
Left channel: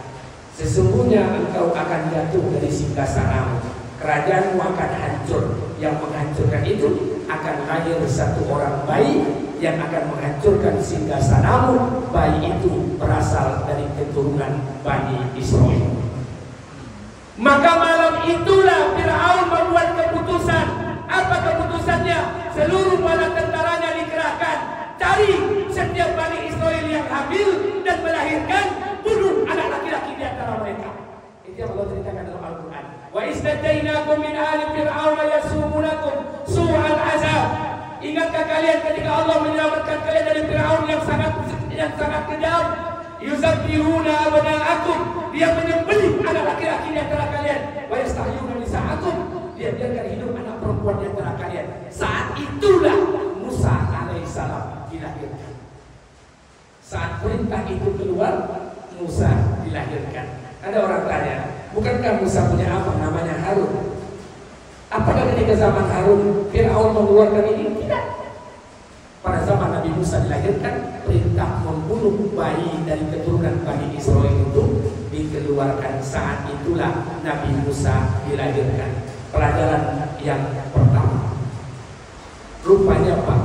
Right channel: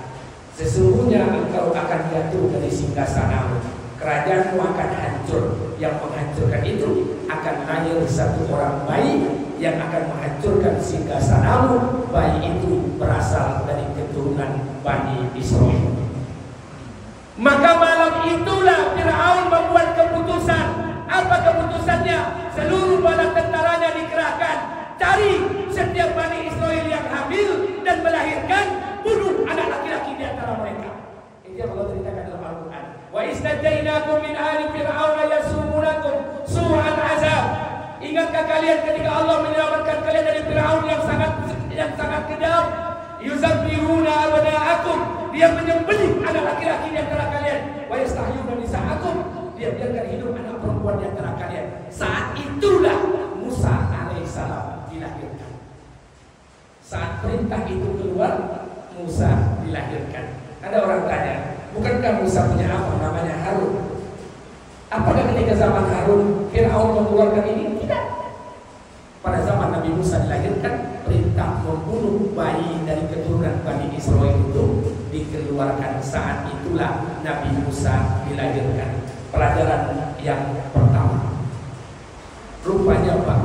sesungguhnya engkau akan jatuh dari singgasanamu, kerajaanmu akan hancur. Yang menghancurkan itu akan lahir 1 orang bayi yang akan menghancurkan singgasanamu. Bayi itu berasal dari keturunan Bani Israel. Maka itulah Fir'aun membuat keputusan. Apa keputusannya? Seluruh bala tentaranya dikerahkan, cari setiap Bani Israel yang hamil dan melahirkan, bunuh anak laki-laki di antara mereka. Ini yang Allah ceritakan dalam Al-Quran. Wa istadainakum min ali fir'auna yasumunakum su'al azab. Ingatkah kalian ketika Allah menyelamatkan kalian dari Fir'aun yang sangat kejam? Yuzabbihuna abna'akum, dia menyembelih anak laki-laki di antara kalian. Wa yastahyuna nisa'akum, dia biarkan hidup anak perempuan di antara kalian. Saat itulah Musa alaihissalam dilahirkan. Saat perintah itu keluar, Musa dilahirkan. Ada orang tanya, bukankah Musa punya apa namanya Harun? Apakah ketika zaman Harun Fir'aun mengeluarkan ini? Tidak. Pada zaman Nabi Musa dilahirkan, perintah membunuh bayi dari keturunan Bani Israel itu dikeluarkan. Saat itulah Nabi Musa dilahirkan. Pelajaran yang pertama, rupanya Pak,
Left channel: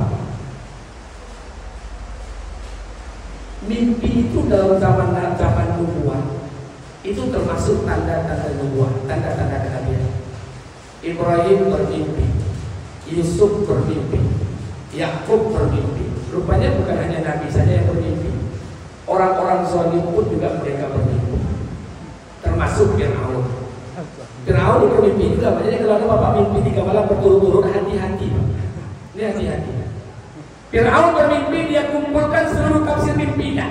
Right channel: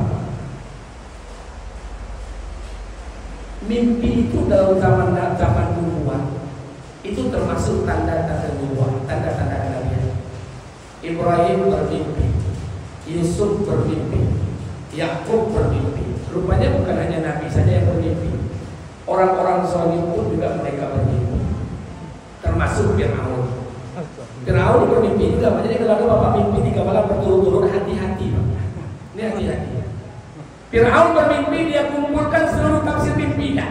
mimpi itu dalam zaman nubuah itu termasuk tanda-tanda nubuah, tanda-tanda kenabian. Ibrahim bermimpi, Yusuf bermimpi, Yakub bermimpi. Rupanya bukan hanya Nabi saja yang bermimpi, orang-orang saleh pun juga mereka bermimpi, termasuk Fir'aun. Fir'aun bermimpi juga. Jadi kalau ada bapak mimpi 3 malam berturut-turut, hati-hati. Ini hati-hati. Fir'aun bermimpi, dia kumpulkan seluruh tafsir mimpinya.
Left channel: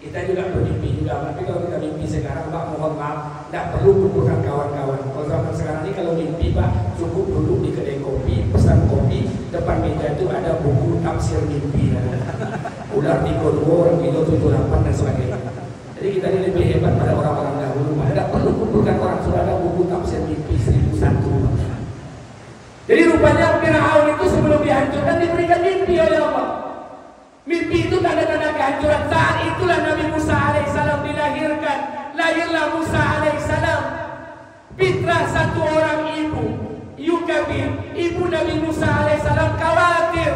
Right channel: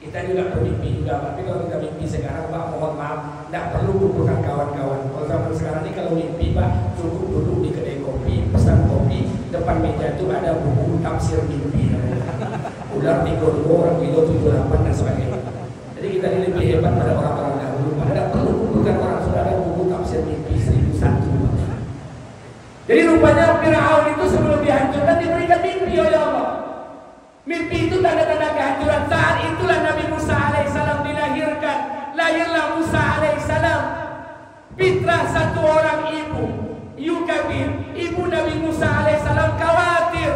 Kita juga bermimpi juga. Tapi kalau kita mimpi sekarang, Pak, mohon maaf, tidak perlu kumpulkan kawan-kawan. Kalau zaman sekarang ini kalau mimpi, Pak, cukup duduk di kedai kopi, pesan kopi, depan meja itu ada buku tafsir mimpi. Ular 32, orang kilo 78 dan sebagainya. Jadi kita ini lebih hebat pada orang-orang dahulu. Tidak perlu kumpulkan orang, sudah ada buku tafsir mimpi 1001. Jadi rupanya Fir'aun itu sebelum dihancurkan diberikan mimpi oleh Allah. Mimpi itu tanda-tanda kehancuran. Saat itulah Nabi Musa alaihissalam dilahirkan. Lahirlah Musa alaihissalam. Fitrah satu orang ibu, Yukabir, ibu Nabi Musa alaihissalam khawatir.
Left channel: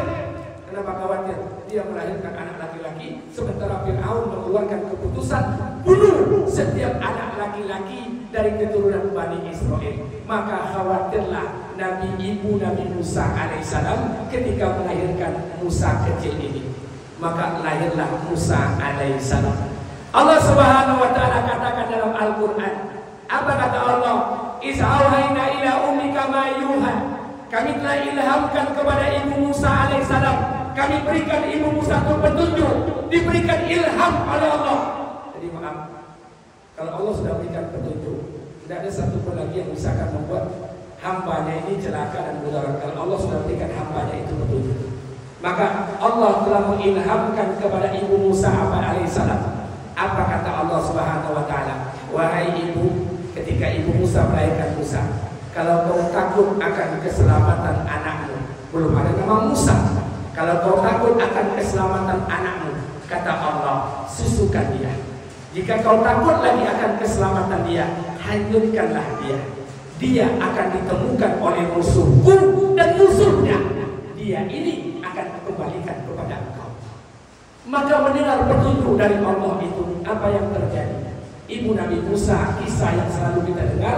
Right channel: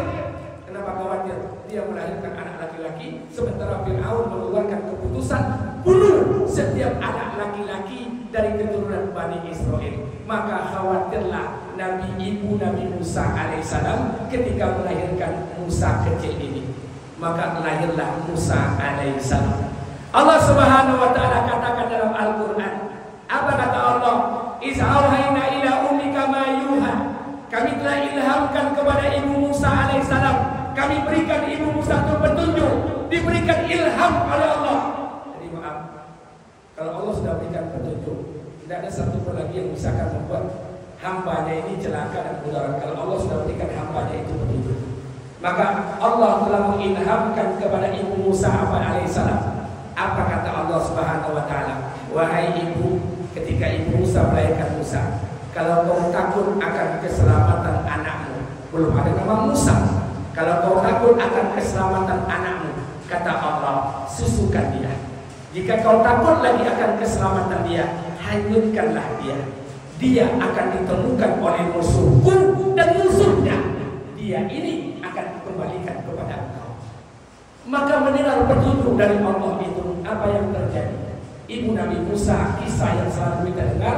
Kenapa khawatir? Dia melahirkan anak laki-laki, sementara Fir'aun mengeluarkan keputusan bunuh setiap anak laki-laki dari keturunan Bani Israel. Maka khawatirlah ibu Nabi Musa alaihissalam ketika melahirkan Musa kecil ini. Maka lahirlah Musa alaihissalam. Allah Subhanahu wa taala katakan dalam Al-Qur'an, apa kata Allah? Iz'auhayna ila ummika ma yuha. Kami telah ilhamkan kepada ibu Musa alaihissalam. Kami berikan ibu Musa itu petunjuk, diberikan ilham oleh Allah. Jadi maaf, kalau Allah sudah berikan petunjuk, tidak ada satu pun lagi yang bisa akan membuat hambanya ini celaka dan mudarat. Kalau Allah sudah berikan hambanya itu petunjuk, maka Allah telah mengilhamkan kepada ibu Musa alaihissalam. Apa kata Allah Subhanahu wa taala? Wahai ibu, ketika ibu Musa melahirkan Musa, kalau kau takut akan keselamatan anakmu, belum ada nama Musa. Kalau kau takut akan keselamatan anakmu, kata Allah, susukan dia. Jika kau takut lagi akan keselamatan dia, hanyutkanlah dia. Dia akan ditemukan oleh musuhku dan musuhnya. Dia ini akan dikembalikan kepada engkau. Maka mendengar petunjuk dari Allah itu, apa yang terjadi? Ibu Nabi Musa, kisah yang selalu kita dengar,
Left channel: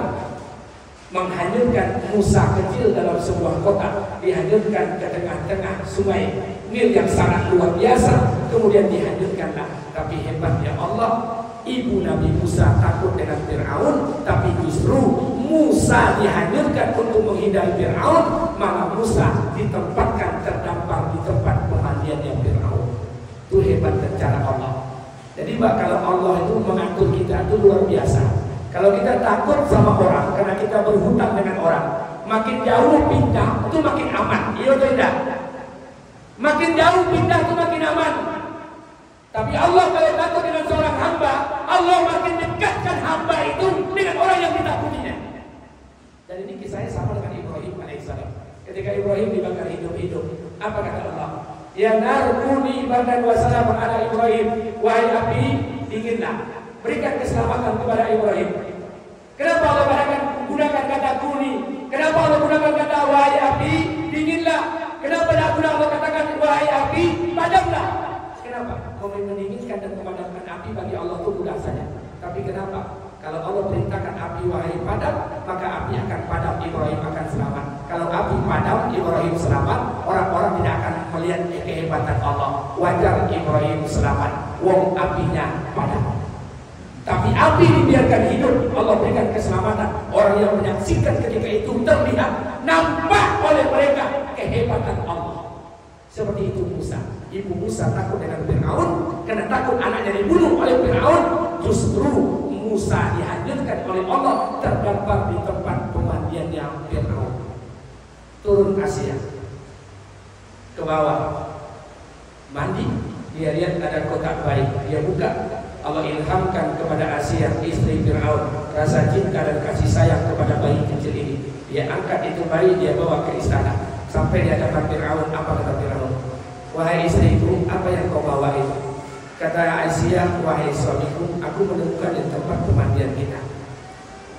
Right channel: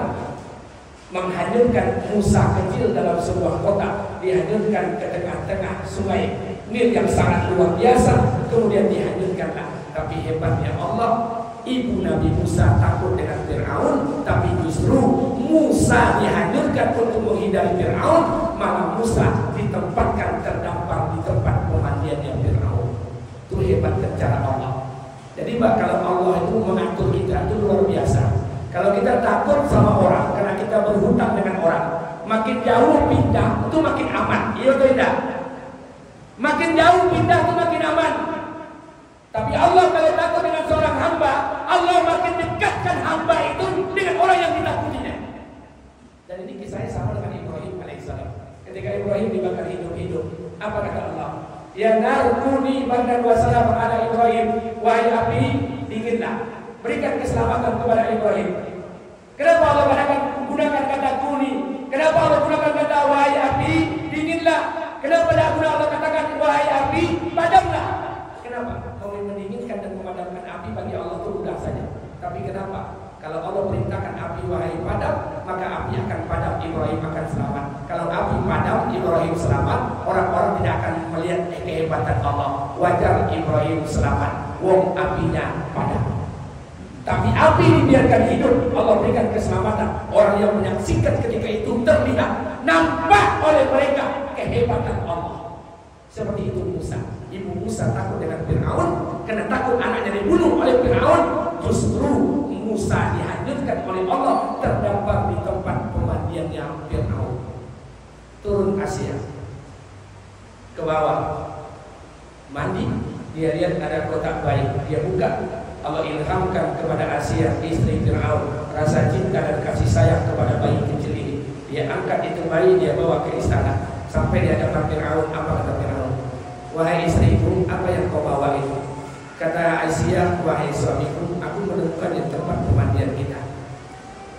menghanyutkan Musa kecil dalam sebuah kota, dihanyutkan ke tengah-tengah sungai Nil yang sangat luar biasa, kemudian dihanyutkanlah. Tapi hebatnya Allah, ibu Nabi Musa takut dengan Fir'aun, tapi justru Musa dihanyutkan untuk menghindari Fir'aun, maka Musa ditempatkan terdampar di tempat pemandiannya Fir'aun. Itu hebat cara Allah. Jadi Mbak, kalau Allah itu mengatur kita itu luar biasa. Kalau kita takut sama orang karena kita berhutang dengan orang, makin jauh pindah itu makin aman. Iya atau tidak? Makin jauh pindah itu makin aman. Tapi Allah kalau takut dengan seorang hamba, Allah makin dekatkan hamba itu dengan orang yang ditakutinya. Dan ini kisahnya sama dengan Ibrahim alaihissalam. Ketika Ibrahim dibakar hidup-hidup, apa kata Allah? Ya narkuni bardan wa salam ala Ibrahim, wahai api dinginlah, berikan keselamatan kepada Ibrahim. Kenapa Allah gunakan kata kuni? Kenapa Allah gunakan kata wahai api dinginlah? Kenapa tidak guna Allah katakan wahai api padamlah? Kenapa? Kau mendinginkan dan memadamkan api bagi Allah itu mudah saja. Tapi kenapa Kalau Allah perintahkan api wahai padam, maka api akan padam, Ibrahim akan selamat. Kalau api padam, Ibrahim selamat, orang-orang tidak akan melihat kehebatan Allah. Wajar Ibrahim selamat, wong apinya padam. Tapi api dibiarkan hidup, Allah berikan keselamatan. Orang yang menyaksikan ketika itu terlihat, nampak oleh mereka kehebatan Allah. Seperti itu Musa. Ibu Musa takut dengan Fir'aun, karena takut anaknya dibunuh oleh Fir'aun. Justru Musa dihanyutkan oleh Allah, terdampar di tempat pemandiannya Fir'aun. Turun Asia ke bawah, mandi, dia lihat ada kotak bayi, dia buka. Allah ilhamkan kepada Asia, istri Fir'aun, rasa cinta dan kasih sayang kepada bayi kecil ini. Dia angkat itu bayi, dia bawa ke istana. Sampai di hadapan Fir'aun, apa kata Fir'aun? Wahai istriku, apa yang kau bawa itu? Kata Aisyah, wahai suamiku, aku menemukan di tempat pemandian kita.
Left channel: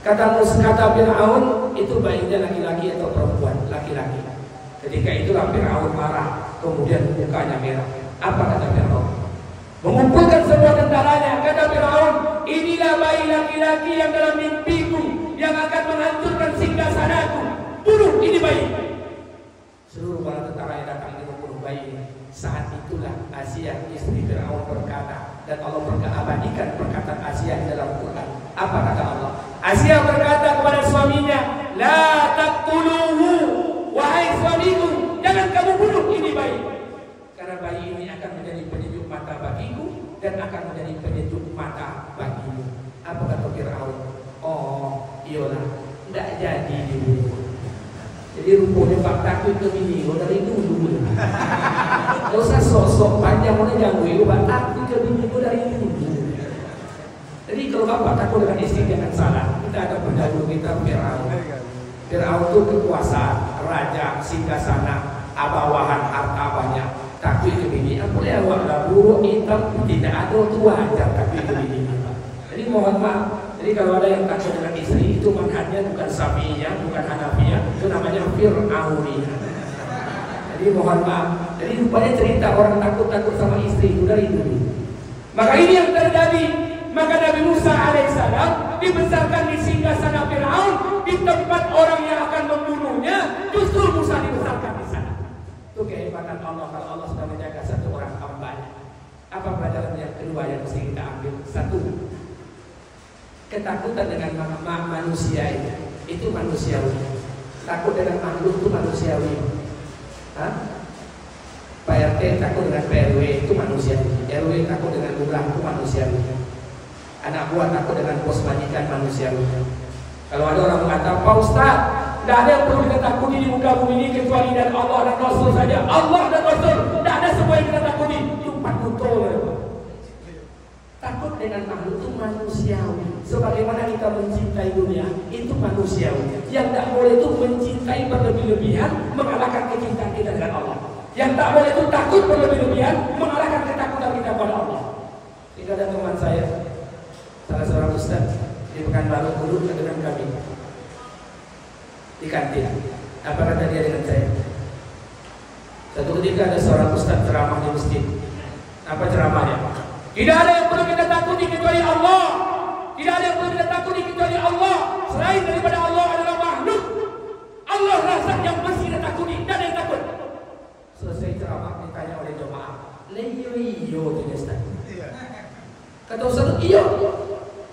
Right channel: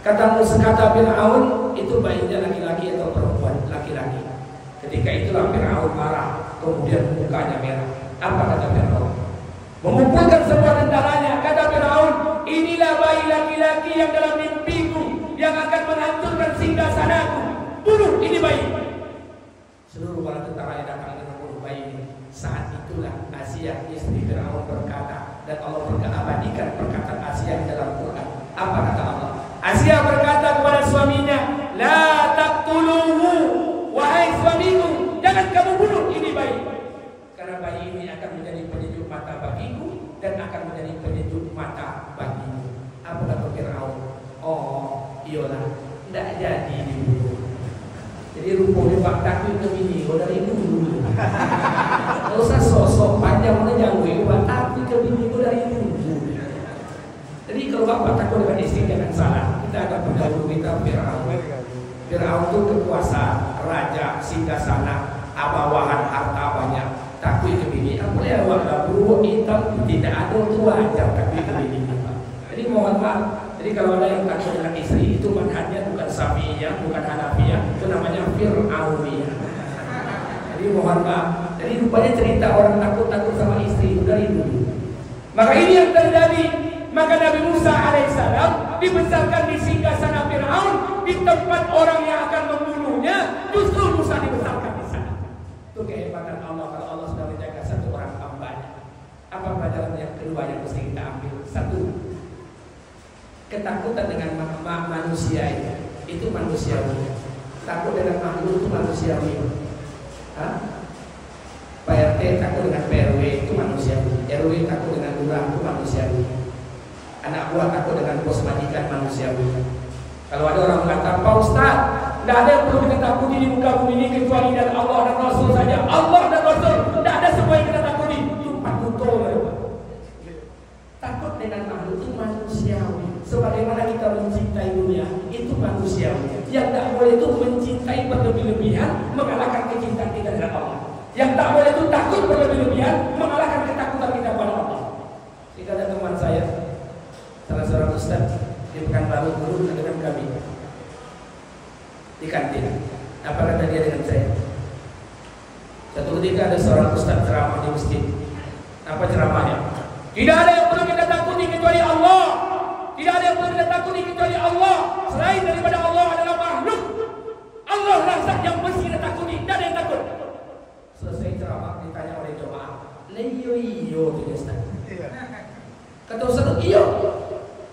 Kata Fir'aun, itu bayinya laki-laki atau perempuan? Laki-laki. Ketika itulah Fir'aun marah, kemudian mukanya merah. Apa kata Fir'aun? Mengumpulkan semua tentaranya. Kata Fir'aun, inilah bayi laki-laki yang dalam mimpiku, yang akan menghancurkan singgasanaku. Bunuh ini bayi. Seluruh para tentara yang datang membunuh bayi ini. Saat itulah Asia, istri Fir'aun, berkata, dan Allah mengabadikan perkataan Asia di dalam Quran. Apa kata Allah? Asia berkata kepada suaminya, la taqtuluhu, wahai suamiku, jangan kamu bunuh ini bayi, karena bayi ini akan menjadi penyejuk mata bagiku dan akan menjadi penyejuk mata bagimu. Apa kata Fir'aun? Oh, iyalah, tidak jadi dibunuh. Jadi rupanya fakta itu begini, dari dulu. Kalau usah sok-sok panjang mana jauh, takut ke bini dari dulu. Jadi kalau bapak takut dengan istri jangan salah. Kita ada pendahulu kita Fir'aun. Fir'aun itu kekuasaan, raja, singgasana, bawahan harta banyak. Takut ke bini, apa yang awak bulu hitam tidak ada itu wajar takut ke bini. Jadi mohon maaf. Jadi kalau ada yang takut dengan istri, itu manhajnya bukan Syafi'iyah, bukan Hanafiyah, itu namanya Fir'auniyah. Jadi mohon maaf. Jadi rupanya cerita orang takut-takut sama istri itu dari dulu. Maka ini yang terjadi. Maka Nabi Musa alaihissalam dibesarkan di singgasana Fir'aun, di tempat orang yang akan membunuhnya. Justru Musa dibesarkan di sana. Itu kehebatan Allah kalau Allah sudah menjaga satu orang hambanya. Apa pelajaran yang kedua yang mesti kita ambil? Satu, ketakutan dengan manusia itu manusiawi. Takut dengan makhluk itu manusiawi. Pak RT takut dengan PRW itu manusiawi. RW takut dengan lurah itu manusiawi. Anak buah takut dengan bos majikan manusiawi. Kalau ada orang mengatakan, Pak Ustaz, tidak ada yang perlu kita takuti di muka bumi ini kecuali dan Allah dan Rasul saja. Allah dan Rasul, tidak ada semua yang kita takuti. Itu pakuto. Takut dengan makhluk itu manusiawi. Sebagaimana kita mencintai dunia, itu manusiawi. Yang tak boleh itu mencintai berlebih-lebihan, mengalahkan kecintaan kita dengan Allah. Yang tak boleh itu takut berlebih-lebihan, mengalahkan ketakutan kita pada Allah. Jika ada teman saya, salah seorang ustaz di Pekanbaru, guru dengan kami di kantin. Apa kata dia dengan saya? Satu ketika ada seorang ustaz ceramah di masjid. Apa ceramahnya? Tidak ada yang perlu kita takuti kecuali Allah. Tidak ada yang perlu kita takuti kecuali Allah. Selain daripada Allah adalah makhluk. Allah lah zat yang mesti kita takuti. Tidak ada yang takut. Selesai ceramah ditanya oleh jemaah, iyo tidak Ustaz. Kata Ustaz, iyo.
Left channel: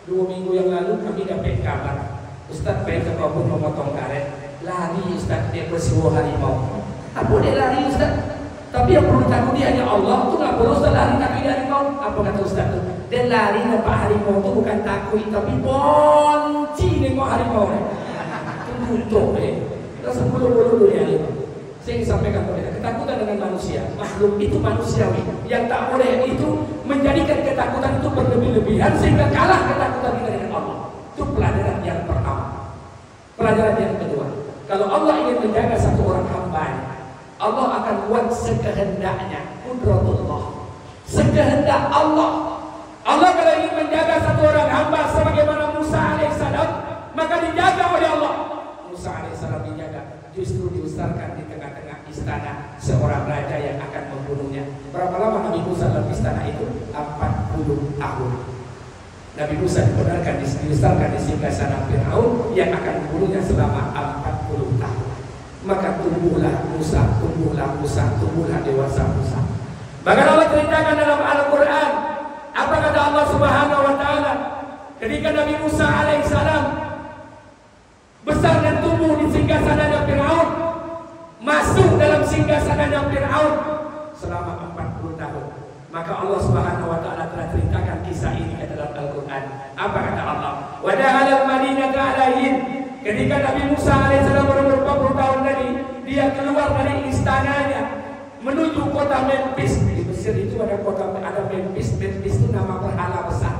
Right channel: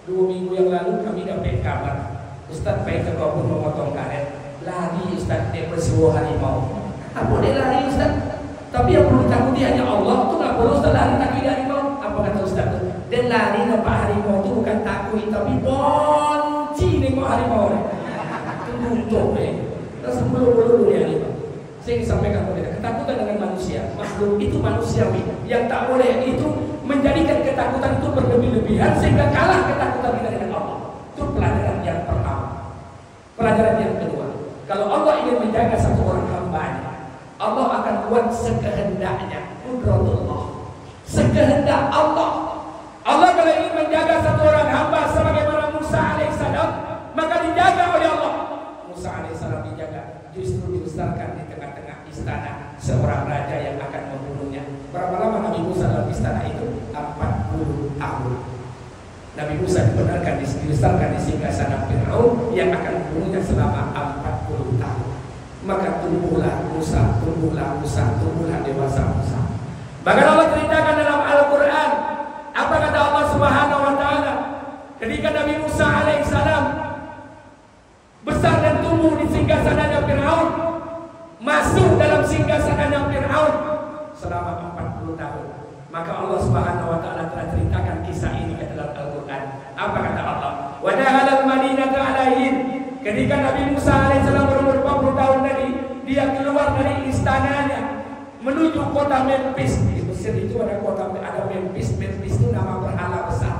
2 minggu yang lalu kami dapat kabar Ustaz pergi ke kebun memotong karet. Lari Ustaz, dia bersiwa harimau. Apa dia lari Ustaz? Tapi yang perlu ditakuti hanya Allah. Itu nggak perlu Ustaz lari takut harimau. Apa kata Ustaz? Dan lari nampak harimau itu bukan takut, tapi ponci nengok harimau. Tutup terus bulu-bulu dia harimau. Saya sampaikan kepada ketakutan dengan manusia, makhluk itu manusiawi. Yang tak boleh itu menjadikan ketakutan itu berlebih-lebihan sehingga kalah ketakutan kita dengan Allah. Itu pelajaran yang pertama. Pelajaran yang kedua, kalau Allah ingin menjaga satu orang hambanya, Allah akan buat sekehendaknya. Qudratullah, sekehendak Allah. Allah kalau ingin menjaga satu orang hamba sebagaimana Musa alaihissalam, maka dijaga oleh Allah. Musa alaihissalam dijaga, justru dibesarkan di tengah-tengah istana seorang raja yang akan membunuhnya. Berapa lama Nabi Musa dalam istana itu? 40 tahun. Nabi Musa dibenarkan dibesarkan di singgasana Firaun yang akan membunuhnya selama 40 tahun. Maka tumbuhlah Musa, tumbuhlah dewasa Musa. Bahkan Allah ceritakan dalam Al-Quran, apa kata Allah Subhanahu wa Ta'ala ketika Nabi Musa alaihissalam besar dan tumbuh di singgasana Firaun, masuk dalam singgasana Firaun selama 40 tahun. Maka Allah Subhanahu wa Ta'ala telah ceritakan kisah ini ke dalam Al-Quran. Apa kata Allah? Wa dakhala al-Madinata alaihin, ketika Nabi Musa alaihissalam berumur 40 tahun tadi, dia keluar dari istananya menuju kota Memphis. Di Mesir itu ada Memphis. Memphis itu nama berhala besar.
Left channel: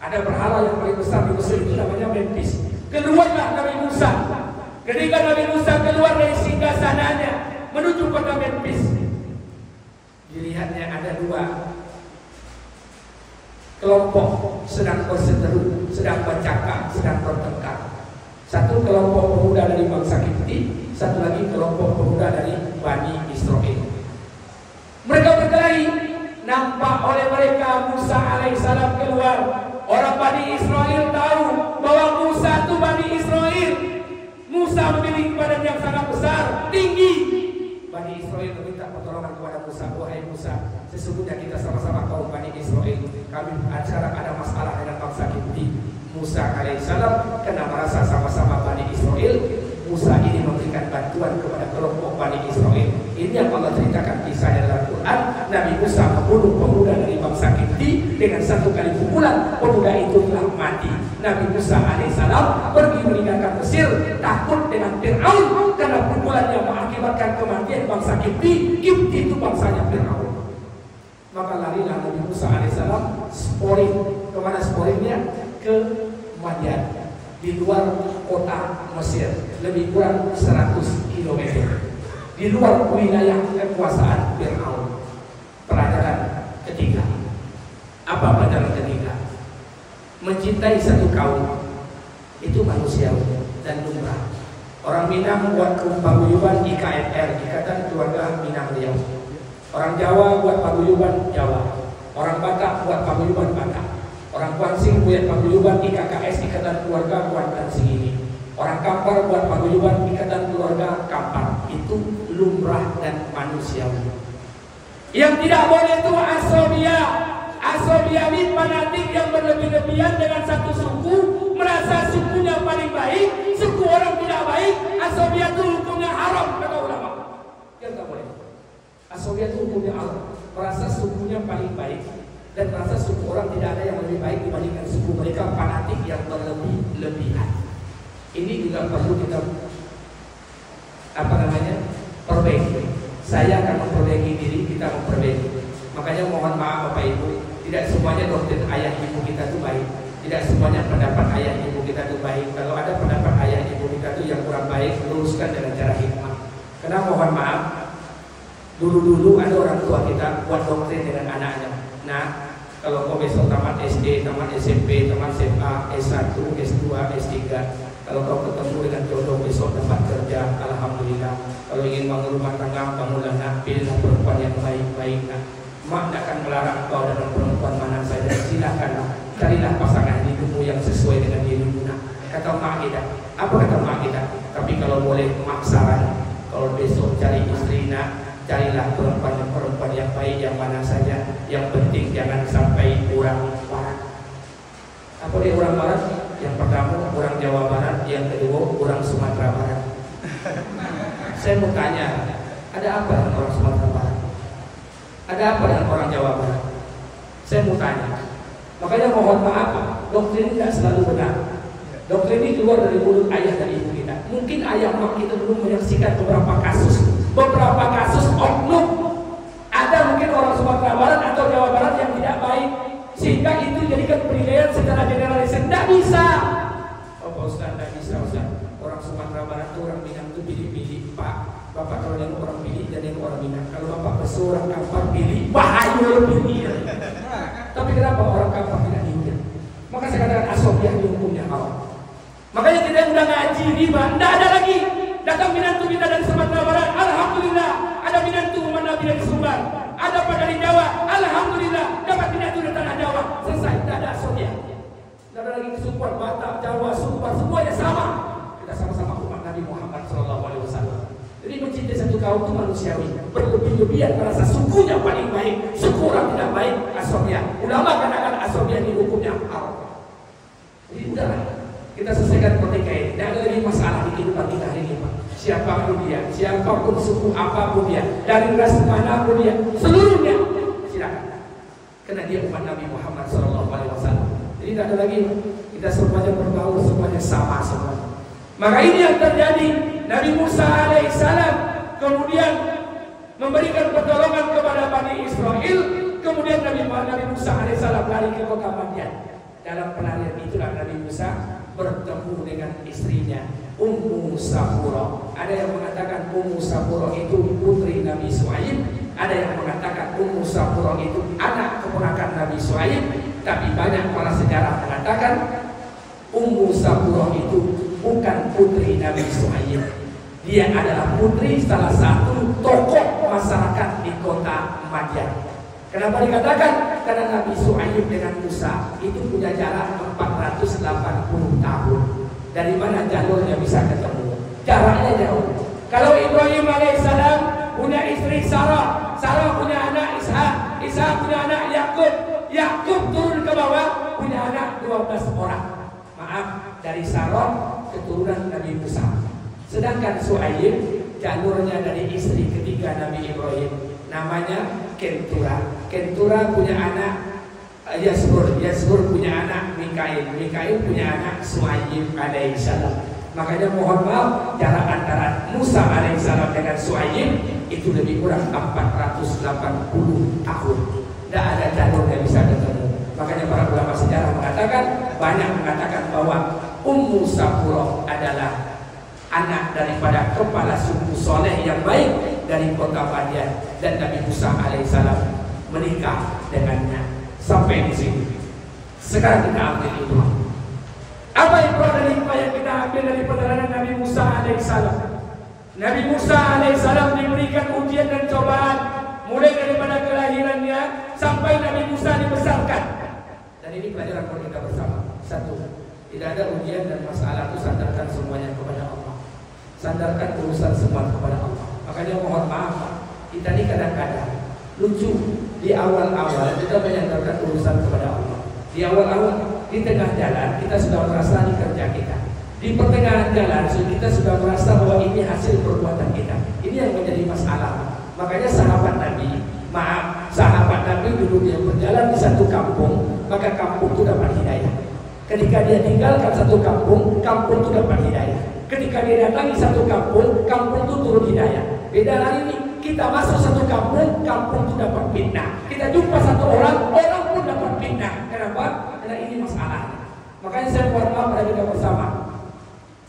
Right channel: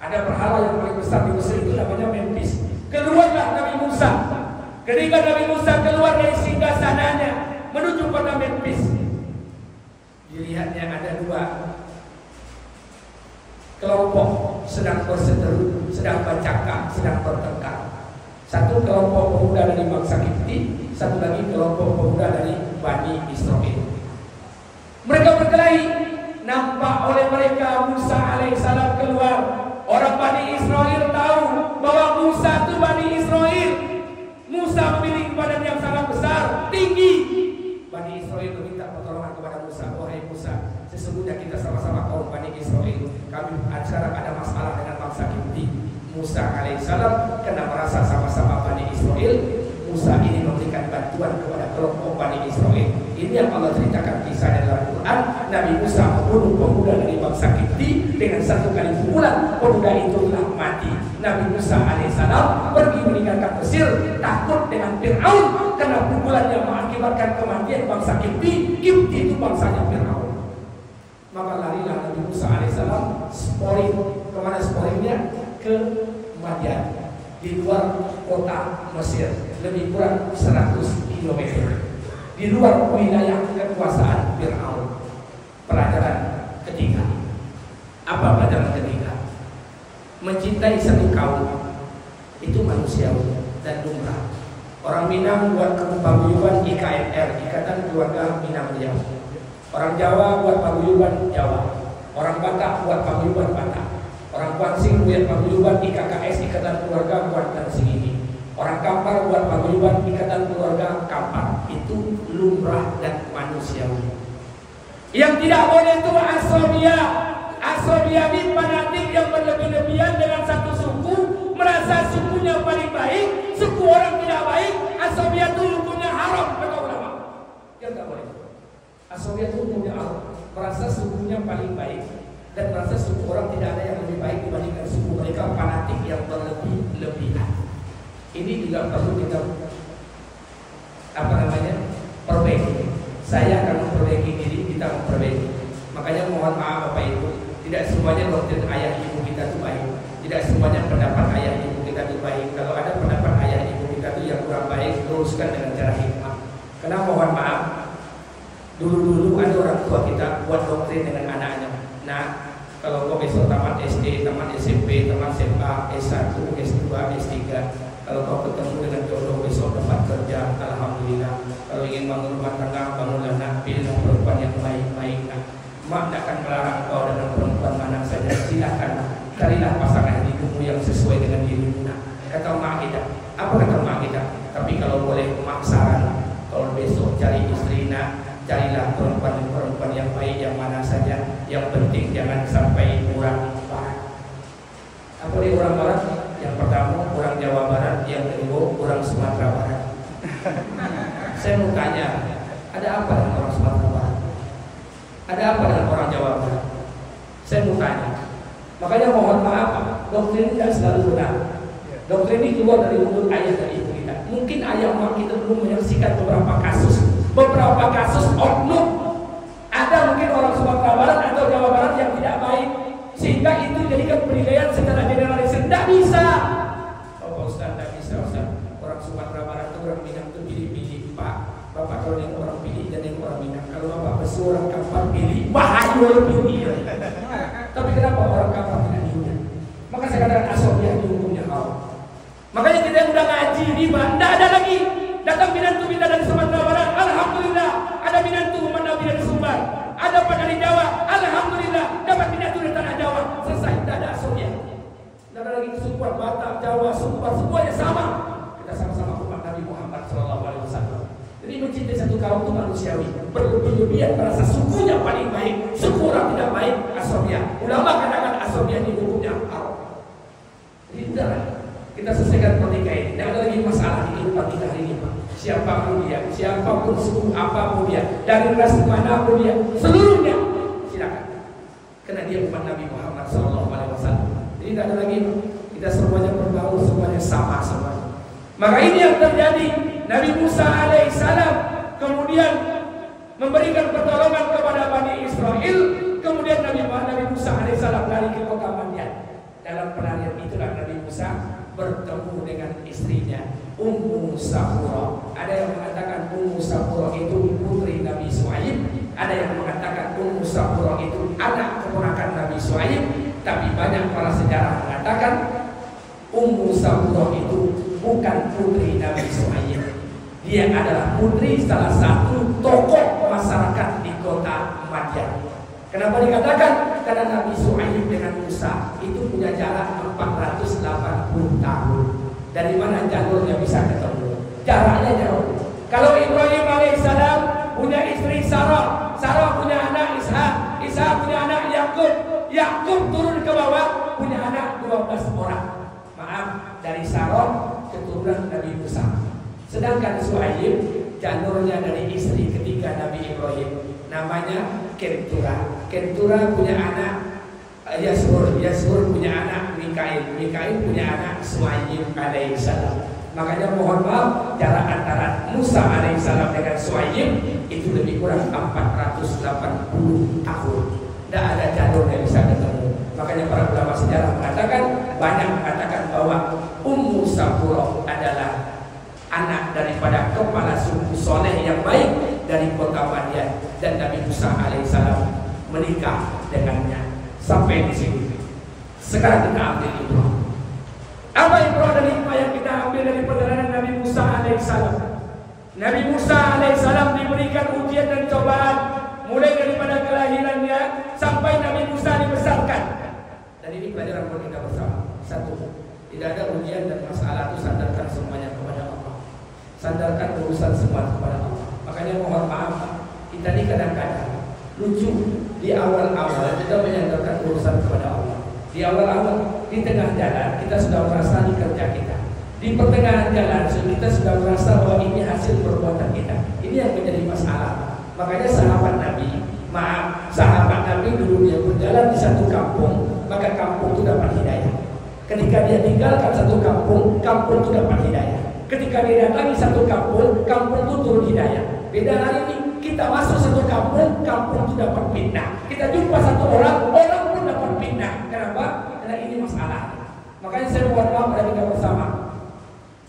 Ada berhala yang paling besar di Mesir itu namanya Memphis. Keluarlah Nabi Musa. Ketika Nabi Musa keluar dari singgasananya menuju kota Memphis, dilihatnya ada dua kelompok sedang berseteru, sedang bercakap, sedang bertengkar. Satu kelompok pemuda dari bangsa Kipti, satu lagi kelompok pemuda dari Bani Israel. Mereka berkelahi. Nampak oleh mereka Musa alaihissalam keluar. Orang Bani Israel tahu bahwa Musa itu Bani Israel. Musa memiliki badan yang sangat besar, tinggi. Bani Israel meminta pertolongan kepada Musa. Wahai Musa, sesungguhnya kita sama-sama kaum Bani Israel. Kami sekarang ada masalah dengan bangsa Kipti. Musa alaihissalam karena merasa sama-sama Bani Israel, Musa ini memberikan bantuan kepada kelompok Bani Israel. Ini yang Allah ceritakan kisahnya dalam Quran. Nabi Musa membunuh pemuda dari bangsa Kipti dengan satu kali pukulan. Pemuda itu telah mati. Nabi Musa alaihissalam pergi meninggalkan Mesir, takut dengan Firaun karena pukulan yang mengakibatkan kematian bangsa Kipti. Kipti itu bangsanya Firaun. Maka larilah Nabi Musa alaihissalam sporing. Kemana sporingnya? Ke Madian, di luar kota Mesir, lebih kurang 100 km di luar wilayah kekuasaan Firaun. Pelajaran ketiga. Apa pelajaran ketiga? Mencintai satu kaum itu manusiawi dan lumrah. Orang Minang buat paguyuban IKMR, Ikatan Keluarga Minang Riau. Orang Jawa buat paguyuban Jawa. Orang Batak buat paguyuban Batak. Orang Kuansing buat paguyuban IKKS, Ikatan Keluarga Kuantan Singini. Orang Kampar buat paguyuban Ikatan Keluarga Kampar. Itu lumrah dan manusiawi. Yang tidak boleh itu asobia. Asobia ini fanatik yang berlebih-lebihan dengan satu suku, merasa sukunya paling baik, suku orang tidak baik. Asobia itu hukumnya haram kata ulama. Yang tidak boleh. Asobia itu hukumnya haram, merasa sukunya paling baik dan merasa suku orang tidak ada yang lebih baik dibandingkan suku mereka, fanatik yang berlebih-lebihan. Ini juga perlu kita perbaiki. Saya akan memperbaiki diri, kita memperbaiki. Makanya mohon maaf Bapak Ibu, tidak semuanya doktrin ayah ibu kita itu baik. Tidak semuanya pendapat ayah ibu kita itu baik. Kalau ada pendapat ayah ibu kita itu yang kurang baik, luruskan dengan cara hikmah. Karena mohon maaf, dulu ada orang tua kita buat doktrin dengan anaknya. Nah, kalau kau besok tamat SD, tamat SMP, tamat SMA, S1, S2, S3, kalau kau ketemu dengan jodoh besok dapat kerja, alhamdulillah. Kalau ingin bangun rumah tangga, bangunlah nak, pilihlah perempuan yang baik-baik. Mak tak akan melarang kau dengan perempuan mana saja. Silakanlah, carilah pasangan hidupmu yang sesuai dengan dirimu. Kata mak kita, apa kata mak kita? Tapi kalau boleh mak saran, kalau besok cari istri nak, carilah perempuan yang baik yang mana saja. Yang penting jangan sampai orang barat. Apa dia orang barat? Yang pertama orang Jawa Barat, yang kedua orang Sumatera Barat. Saya mau tanya, ada apa dengan orang Sumatera Barat? Ada apa dengan orang Jawa Barat? Saya mau tanya. Makanya mohon maaf, doktrin tidak selalu benar. Doktrin ini keluar dari mulut ayah dan ibu kita. Mungkin ayah mak kita belum menyaksikan beberapa kasus oknum. Ada mungkin orang Sumatera Barat atau Jawa Barat yang tidak baik, sehingga itu jadikan penilaian secara generalisir. Tidak bisa. Oh Pak Ustaz, tidak bisa Ustaz. Orang Sumatera Barat itu orang Minang itu pilih-pilih. Pak, Bapak kalau yang orang pilih jadi orang Minang. Kalau Bapak berseorang Kampar pilih, bahaya pilih. Tapi kenapa orang Kampar tidak diundang? Maka saya katakan asobiah itu hukumnya haram. Makanya kita yang udah ngaji riba, tidak ada lagi. Datang minantu kita dari Sumatera Barat, alhamdulillah. Ada minantu mana dari Sumbar, ada Pak dari Jawa, alhamdulillah. Dapat minantu dari tanah Jawa, selesai, tidak ada asobiah. manusiawi, berlebih-lebihan merasa sukunya paling baik, suku orang tidak baik, asabiyah. Ulama katakan asabiyah ini hukumnya haram. Tidak, kita selesaikan pernikahan ini. Tidak ada lagi masalah di kehidupan kita hari ini, Pak. Siapapun dia, siapapun suku apapun dia, dari ras manapun dia, seluruhnya silakan. Karena dia umat Nabi Muhammad SAW. Jadi tidak ada lagi, kita semuanya berbaur, semuanya sama semuanya. Maka ini yang terjadi. Nabi Musa alaihissalam kemudian memberikan pertolongan kepada Bani Israel. Kemudian Nabi Musa alaihissalam lari ke kota Madian. Dalam pelarian itulah Nabi Musa bertemu dengan istrinya Ummu Safura. Ada yang mengatakan Ummu Safura itu putri Nabi Shu'aib, ada yang mengatakan Ummu Safura itu anak keponakan Nabi Shu'aib. Tapi banyak para sejarah mengatakan Ummu Safura itu bukan putri Nabi Shu'aib. Dia adalah putri salah satu tokoh masyarakat di kota Madian. Kenapa dikatakan? Karena Nabi Shu'aib dengan Musa itu punya jarak 480 tahun. Dari mana jalurnya bisa ketemu? Jaraknya jauh. Kalau Ibrahim alaihissalam punya istri Sarah, Sarah punya anak Ishak, Ishak punya anak Yakub, Yakub turun ke bawah punya anak 12 orang. Maaf, dari Sarah keturunan Nabi Musa. Sedangkan Shu'aib jalurnya dari istri ketiga Nabi Ibrahim, namanya Kentura. Kentura punya anak Yasur, Yasur punya anak Mikail, Mikail punya anak Shu'aib alaihissalam. Makanya mohon maaf, jarak antara Musa alaihissalam dengan Shu'aib itu lebih kurang 480 tahun. Tidak ada jalur yang bisa ketemu. Makanya para ulama sejarah mengatakan, banyak mengatakan bahwa Ummu Safura adalah anak daripada kepala suku soleh yang baik dari kota Madian, dan Nabi Musa alaihissalam menikah dengannya. Sampai di sini. Sekarang kita ambil ibrah. Apa ibrah dari hikmah yang kita ambil dari perjalanan Nabi Musa alaihissalam? Nabi Musa alaihissalam diberikan ujian dan cobaan mulai daripada kelahirannya sampai Nabi Musa dibesarkan. Dan ini pelajaran buat kita bersama. Satu, tidak ada ujian dan masalah itu sandarkan semuanya kepada Allah. Sandarkan urusan semua kepada Allah. Makanya mohon maaf, kita ini kadang-kadang lucu. Di awal-awal kita menyandarkan urusan kepada Allah. Di awal-awal, di tengah jalan kita sudah merasa ini kerja kita. Di pertengahan jalan kita sudah merasa bahwa ini hasil perbuatan kita. Ini yang menjadi masalah. Makanya sahabat Nabi, sahabat Nabi dulu dia berjalan di satu kampung, maka kampung itu dapat hidayah. Ketika dia tinggalkan satu kampung, kampung itu dapat hidayah. Ketika dia datangi satu kampung, kampung itu turun hidayah. Beda hari ini, kita masuk satu kampung, kampung itu dapat fitnah. Kita jumpa satu orang, orang pun dapat fitnah. Kenapa? Karena ini masalah. Makanya saya mohon maaf pada kita bersama.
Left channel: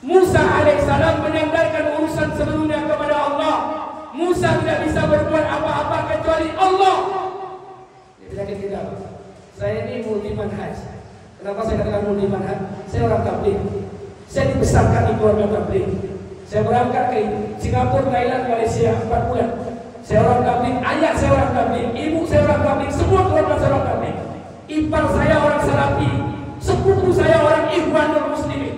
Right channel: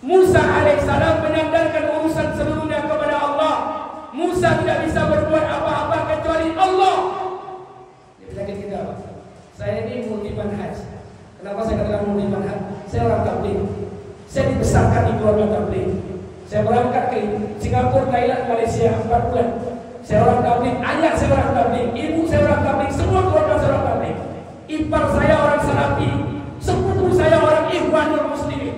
Musa alaihissalam menyandarkan urusan seluruhnya kepada Allah. Musa tidak bisa berbuat apa-apa kecuali Allah. Ini penyakit kita, Pak. Saya ini multi manhaj. Kenapa saya katakan multi manhaj? Saya orang tabligh. Saya dibesarkan di keluarga tabligh. Saya berangkat ke Singapura, Thailand, Malaysia 4 bulan. Saya orang tabligh, ayah saya orang tabligh, ibu saya orang tabligh, semua keluarga saya orang tabligh. Ipar saya orang Salafi, sepupu saya orang Ikhwanul Muslimin.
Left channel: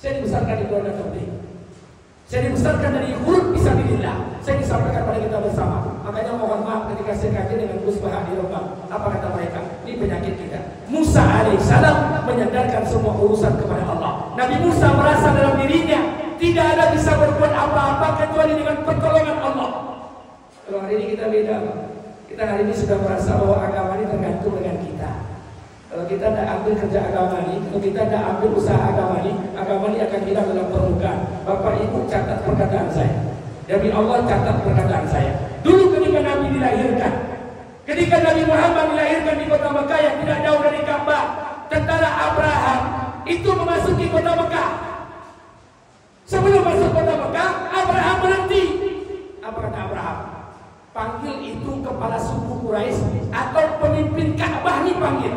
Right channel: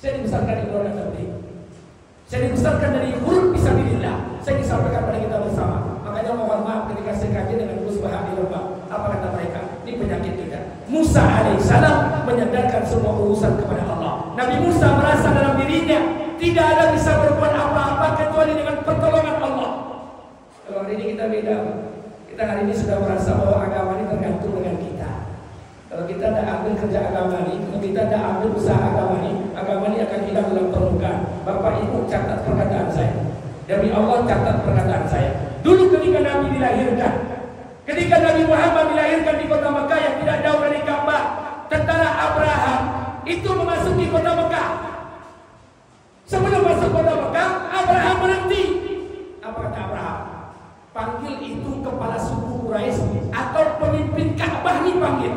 Saya dibesarkan di keluarga tabligh. Saya dibesarkan dari huruf fisabilillah. Saya disampaikan pada kita bersama. Makanya mohon maaf ketika saya kaji dengan musbah di rumah. Apa kata mereka? Ini penyakit kita. Musa alaihissalam menyandarkan semua urusan kepada Allah. Nabi Musa merasa dalam dirinya tidak ada bisa berbuat apa-apa kecuali dengan pertolongan Allah. Kalau hari ini kita beda, Pak. Kita hari ini sudah merasa bahwa agama ini tergantung dengan kita. Kalau kita tidak ambil kerja agama ini, kalau kita tidak ambil usaha agama ini akan hilang dalam permukaan. Bapak Ibu catat perkataan saya. Demi Allah catat perkataan saya. Dulu ketika Nabi dilahirkan, ketika Nabi Muhammad dilahirkan di kota Mekah yang tidak jauh dari Ka'bah, tentara Abraham itu memasuki kota Mekah. Sebelum masuk kota Mekah, Abraham berhenti. Apa kata Abraham? Panggil itu kepala suku Quraisy atau pemimpin Ka'bah nih panggil.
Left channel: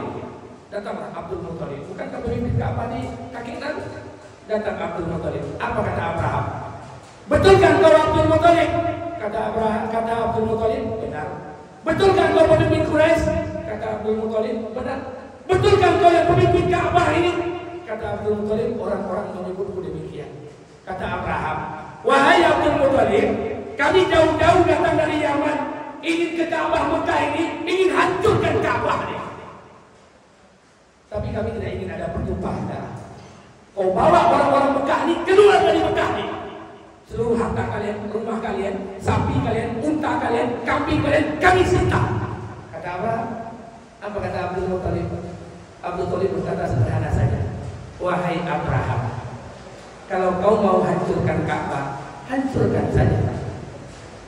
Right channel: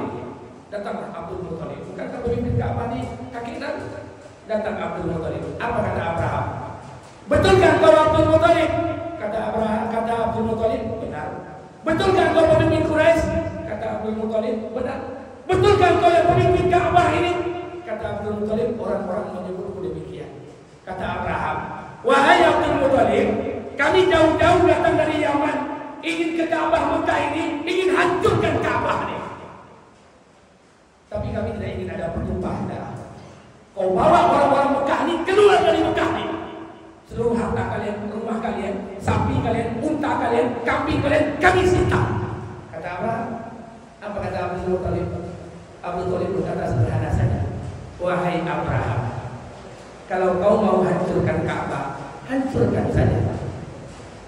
Datang Abdul Muthalib. Bukankah pemimpin Ka'bah di kaki Nabi? Datang Abdul Muthalib. Apa kata Abraham? Betulkan kau Abdul Muthalib? Kata Abraham, kata Abdul Muthalib, benar. Betulkan kau pemimpin Quraisy? Kata Abdul Muthalib, benar. Betulkan kau yang pemimpin Ka'bah ini? Kata Abdul Muthalib, orang-orang menyebutku demikian. Kata Abraham, wahai Abdul Muthalib, Kami jauh-jauh datang dari Yaman, ingin ke Ka'bah Mekah ini, ingin hancurkan Ka'bah ini. Tapi kami tidak ingin ada pertumpahan darah. Kau bawa orang-orang Mekah ini keluar dari Mekah ini. Seluruh harta kalian, rumah kalian, sapi kalian, unta kalian, kambing kalian, kami sita. Kata Abraham. Apa kata Abdul Muttalib? Abdul Muttalib berkata sederhana saja. Wahai Abraham, kalau kau mau hancurkan Ka'bah, hancurkan saja.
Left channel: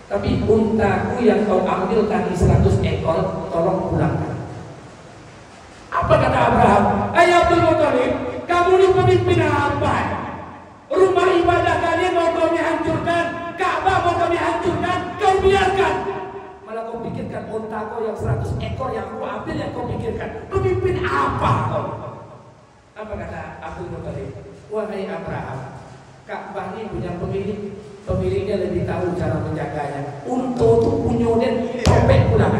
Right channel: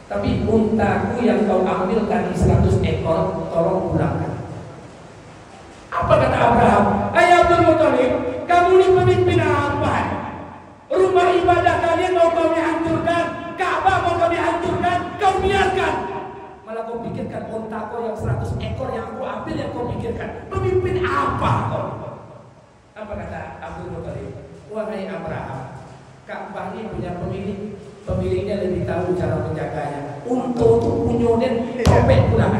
Tapi untaku yang kau ambil tadi 100 ekor, tolong pulangkan. Apa kata Abraham? Ayah Abdul Muttalib, kamu ini pemimpin apa? Rumah ibadah kalian mau kami hancurkan, Ka'bah mau kami hancurkan, kau biarkan. Malah kau pikirkan unta kau yang 100 ekor yang aku ambil yang kau pikirkan. Pemimpin apa kau? Apa kata Abdul Muttalib? Wahai Abraham, Ka'bah ini punya pemilik. Pemiliknya lebih tahu cara menjaganya. Untuk punyunen robek pulang.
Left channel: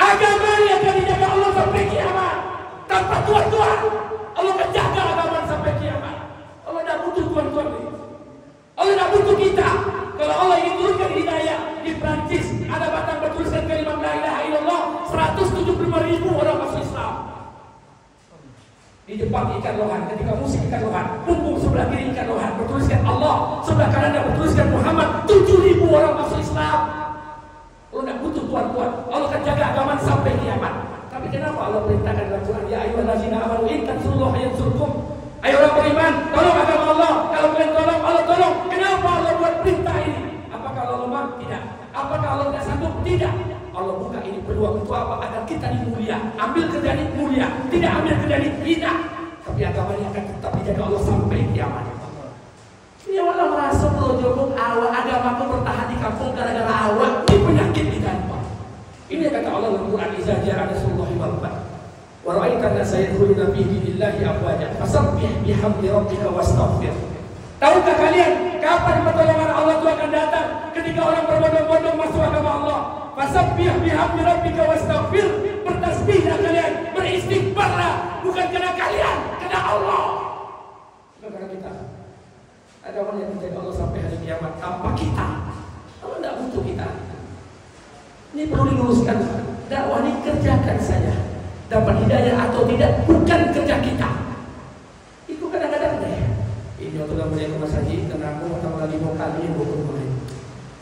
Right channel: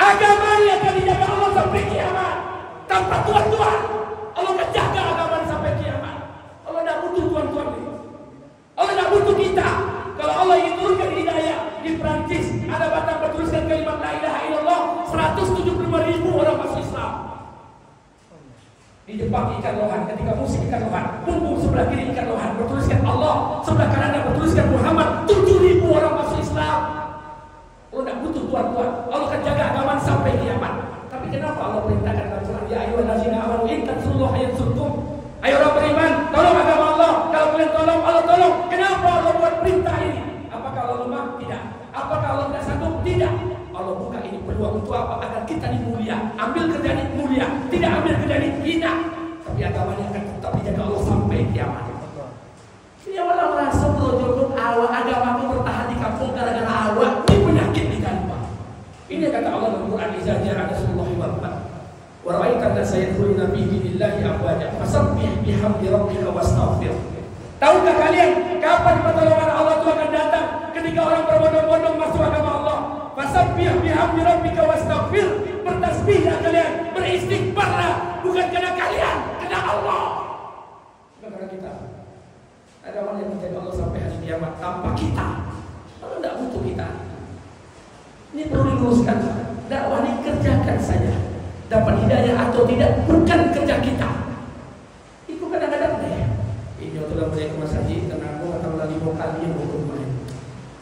Agama ini akan dijaga Allah sampai kiamat. Tanpa tuan-tuan, Allah akan jaga agama sampai kiamat. Allah tidak butuh tuan-tuan ini. Allah tidak butuh kita. Kalau Allah ingin turunkan hidayah di Prancis, ada batang bertuliskan kalimat la ilaha illallah, 175.000 orang masuk Islam. Di Jepang ikan lohan, ketika musik ikan lohan, punggung sebelah kiri ikan lohan bertuliskan Allah, sebelah kanan bertuliskan Muhammad, 7.000 orang masuk Islam. Allah tidak butuh tuan-tuan. Allah akan jaga agama sampai kiamat. Tapi kenapa Allah perintahkan dalam Quran, ya ayyuhallazina amanu in tansurullaha yansurkum. Ayo orang beriman, tolong agama Allah. Kalau kalian tolong, Allah tolong. Kenapa Allah buat perintah ini? Apakah Allah lemah? Tidak. Apakah Allah tidak sanggup? Tidak. Allah buka ini peluang untuk apa? Agar kita ini mulia. Ambil kerjaan ini mulia, tidak ambil kerjaan ini hina. Tapi agamanya akan tetap dijaga Allah sampai kiamat. Ini malah merasa berjobok awak agamaku bertahan di kampung gara-gara awak. Ini penyakit di tanpa. Ini kata Allah dalam Quran, "Iza ja'a nasrullahi wal fath wa ra'aita an-nasa yadkhuluna fi dinillahi afwaja fasabbih bihamdi rabbika wastaghfir." Tahukah kalian kapan pertolongan Allah itu akan datang? Ketika orang berbondong-bondong masuk agama Allah. Fasabbih bihamdi rabbika wastaghfir. Bertasbihlah kalian, beristighfarlah, bukan karena kalian, karena Allah. Bukan karena kita. Agama yang menjaga Allah sampai hari kiamat tanpa kita. Allah tidak butuh kita. Ini perlu diluruskan. Dakwah ini kerjakan saja. Dapat hidayah atau tidak bukan kerja kita. Itu kadang-kadang deh. Ini untuk balik ke Mas Haji, karena aku akan lagi mau kalian berumah.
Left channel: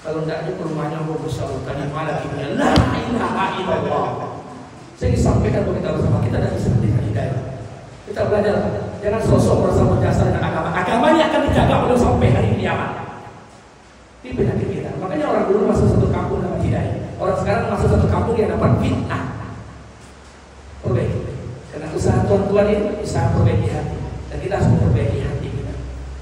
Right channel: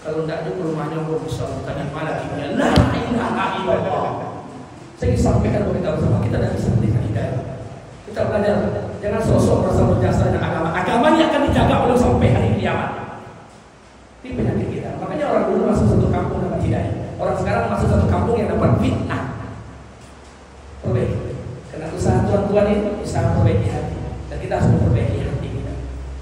Kalau tidak ada rumahnya mau besar tadi malah kimia. La ilaha illallah. Saya ingin sampaikan kepada kita bersama, kita tidak bisa memberikan hidayah. Kita belajar, jangan sosok merasa berjasa dengan agama. Agamanya akan dijaga oleh sampai hari kiamat. Ini penyakit kita. Makanya orang dulu masuk satu kampung dapat hidayah. Orang sekarang masuk satu kampung yang dapat fitnah. Perbaiki. Karena usaha tuan-tuan ini usaha perbaiki hati. Dan kita harus memperbaiki hati kita.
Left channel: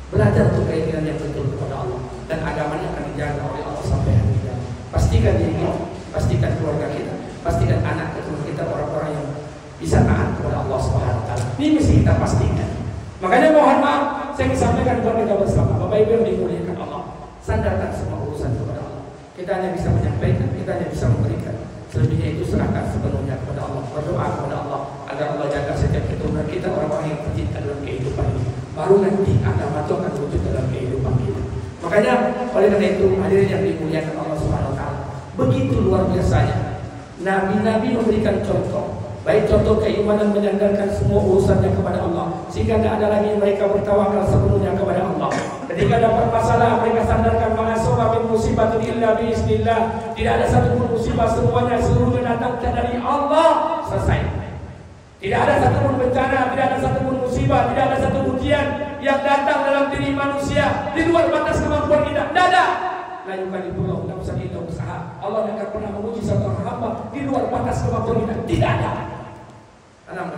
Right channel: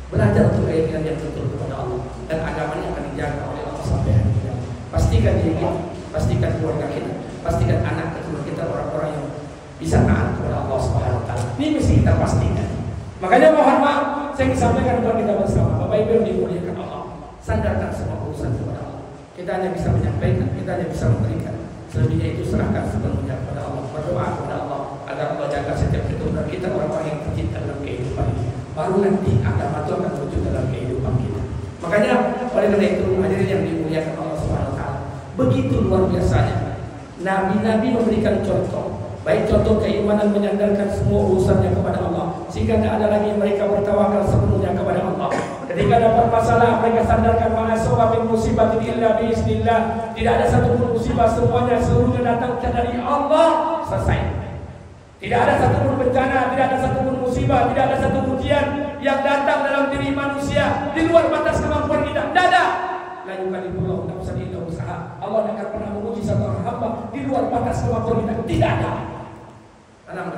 Belajar untuk keinginan yang betul kepada Allah. Dan agamanya akan dijaga oleh Allah sampai hari kiamat. Pastikan diri kita, pastikan keluarga kita, pastikan anak keturunan kita orang-orang yang bisa taat kepada Allah Subhanahu wa taala. Ini mesti kita pastikan. Makanya mohon maaf, saya ingin sampaikan kepada kita bersama, Bapak Ibu yang dimuliakan Allah, sandarkan semua urusan kepada Allah. Kita hanya bisa menyampaikan, kita hanya bisa memberikan. Selebihnya itu serahkan sepenuhnya kepada Allah. Berdoa kepada Allah agar Allah jaga setiap keturunan kita, orang-orang yang tercinta dalam kehidupan ini. Baru nanti agama itu akan wujud dalam kehidupan kita. Makanya oleh karena itu hadirin yang dimuliakan Allah Subhanahu wa taala, begitu luar biasanya nabi-nabi memberikan contoh, baik contoh keimanan menyandarkan semua urusannya kepada Allah, sehingga tidak ada lagi mereka bertawakal sepenuhnya kepada Allah. Ketika dapat masalah mereka sandarkan ma'aswa min musibatin illa biiznillah. Tidak ada satu pun musibah, seluruhnya datang dari Allah. Selesai. Tidak ada satu pun bencana, tidak ada satu pun musibah, tidak ada satu ujian yang datang dalam diri manusia di luar batas kemampuan kita. Tidak ada. La yukallifullahu nafsan illa wus'aha. Allah tidak akan pernah menguji satu hamba di luar batas kemampuan kita. Tidak ada.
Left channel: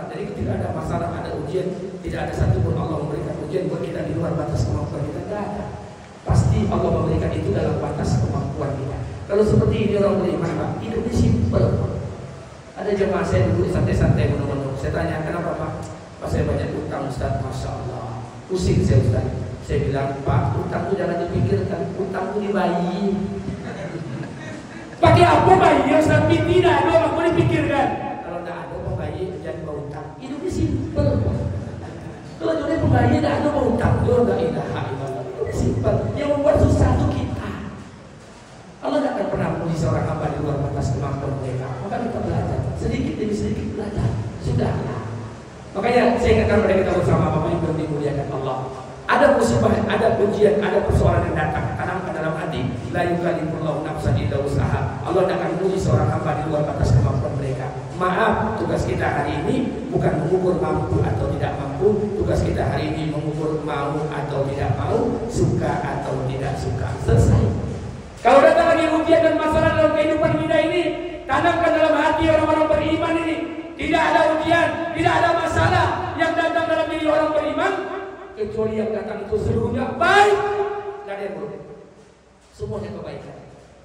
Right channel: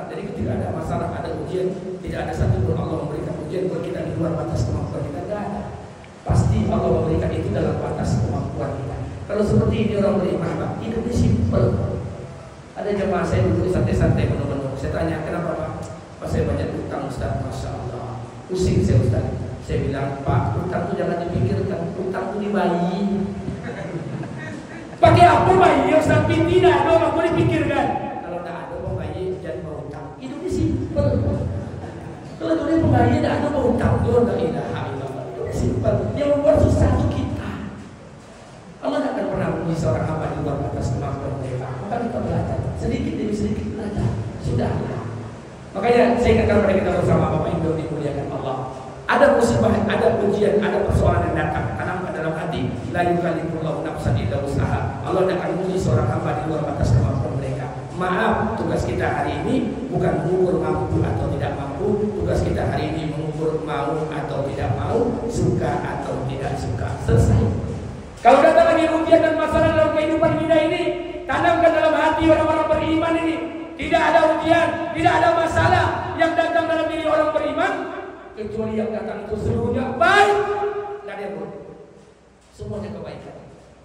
Jadi ketika ada masalah, ada ujian, tidak ada satu pun Allah memberikan ujian buat kita di luar batas kemampuan kita. Tidak ada. Pasti Allah memberikan itu dalam batas kemampuan kita. Kalau seperti ini orang beriman, Pak, hidupnya simpel. Ada jemaah saya dulu santai-santai menunggu. Saya tanya, kenapa Pak? Pak, saya banyak utang Ustaz, Masya Allah. Pusing saya Ustaz. Saya bilang, Pak, utang itu jangan dipikirkan, utang itu dibayi. Pakai apa bayi? Ustaz, tidak ada, aku dipikirkan. Kalau tidak ada bayi, jangan berutang. Hidupnya simpel. Kalau tidak ada bayi, tidak ada berutang. Itu tidak ilaha illallah. Hidupnya simpel. Yang membuat susah itu kita. Makanya saya ingatkan pada kita bersama Bapak Ibu yang dimuliakan Allah. Ada musibah, ada ujian, ada persoalan yang datang, tanamkan dalam hati. La yukallifullahu nafsan illa wus'aha. Allah akan menguji seorang hamba di luar batas kemampuan mereka. Maaf, tugas kita hari ini bukan mengukur mampu atau tidak mampu. Tugas kita hari ini mengukur mau atau tidak mau, suka atau tidak suka. Selesai. Kalau datang lagi ujian dan masalah dalam kehidupan kita ini, tanamkan dalam hati orang-orang beriman ini. Tidak ada ujian, tidak ada masalah yang datang dalam diri orang beriman, kecuali yang datang itu seluruhnya baik. Tidak ada yang buruk, semuanya kebaikan.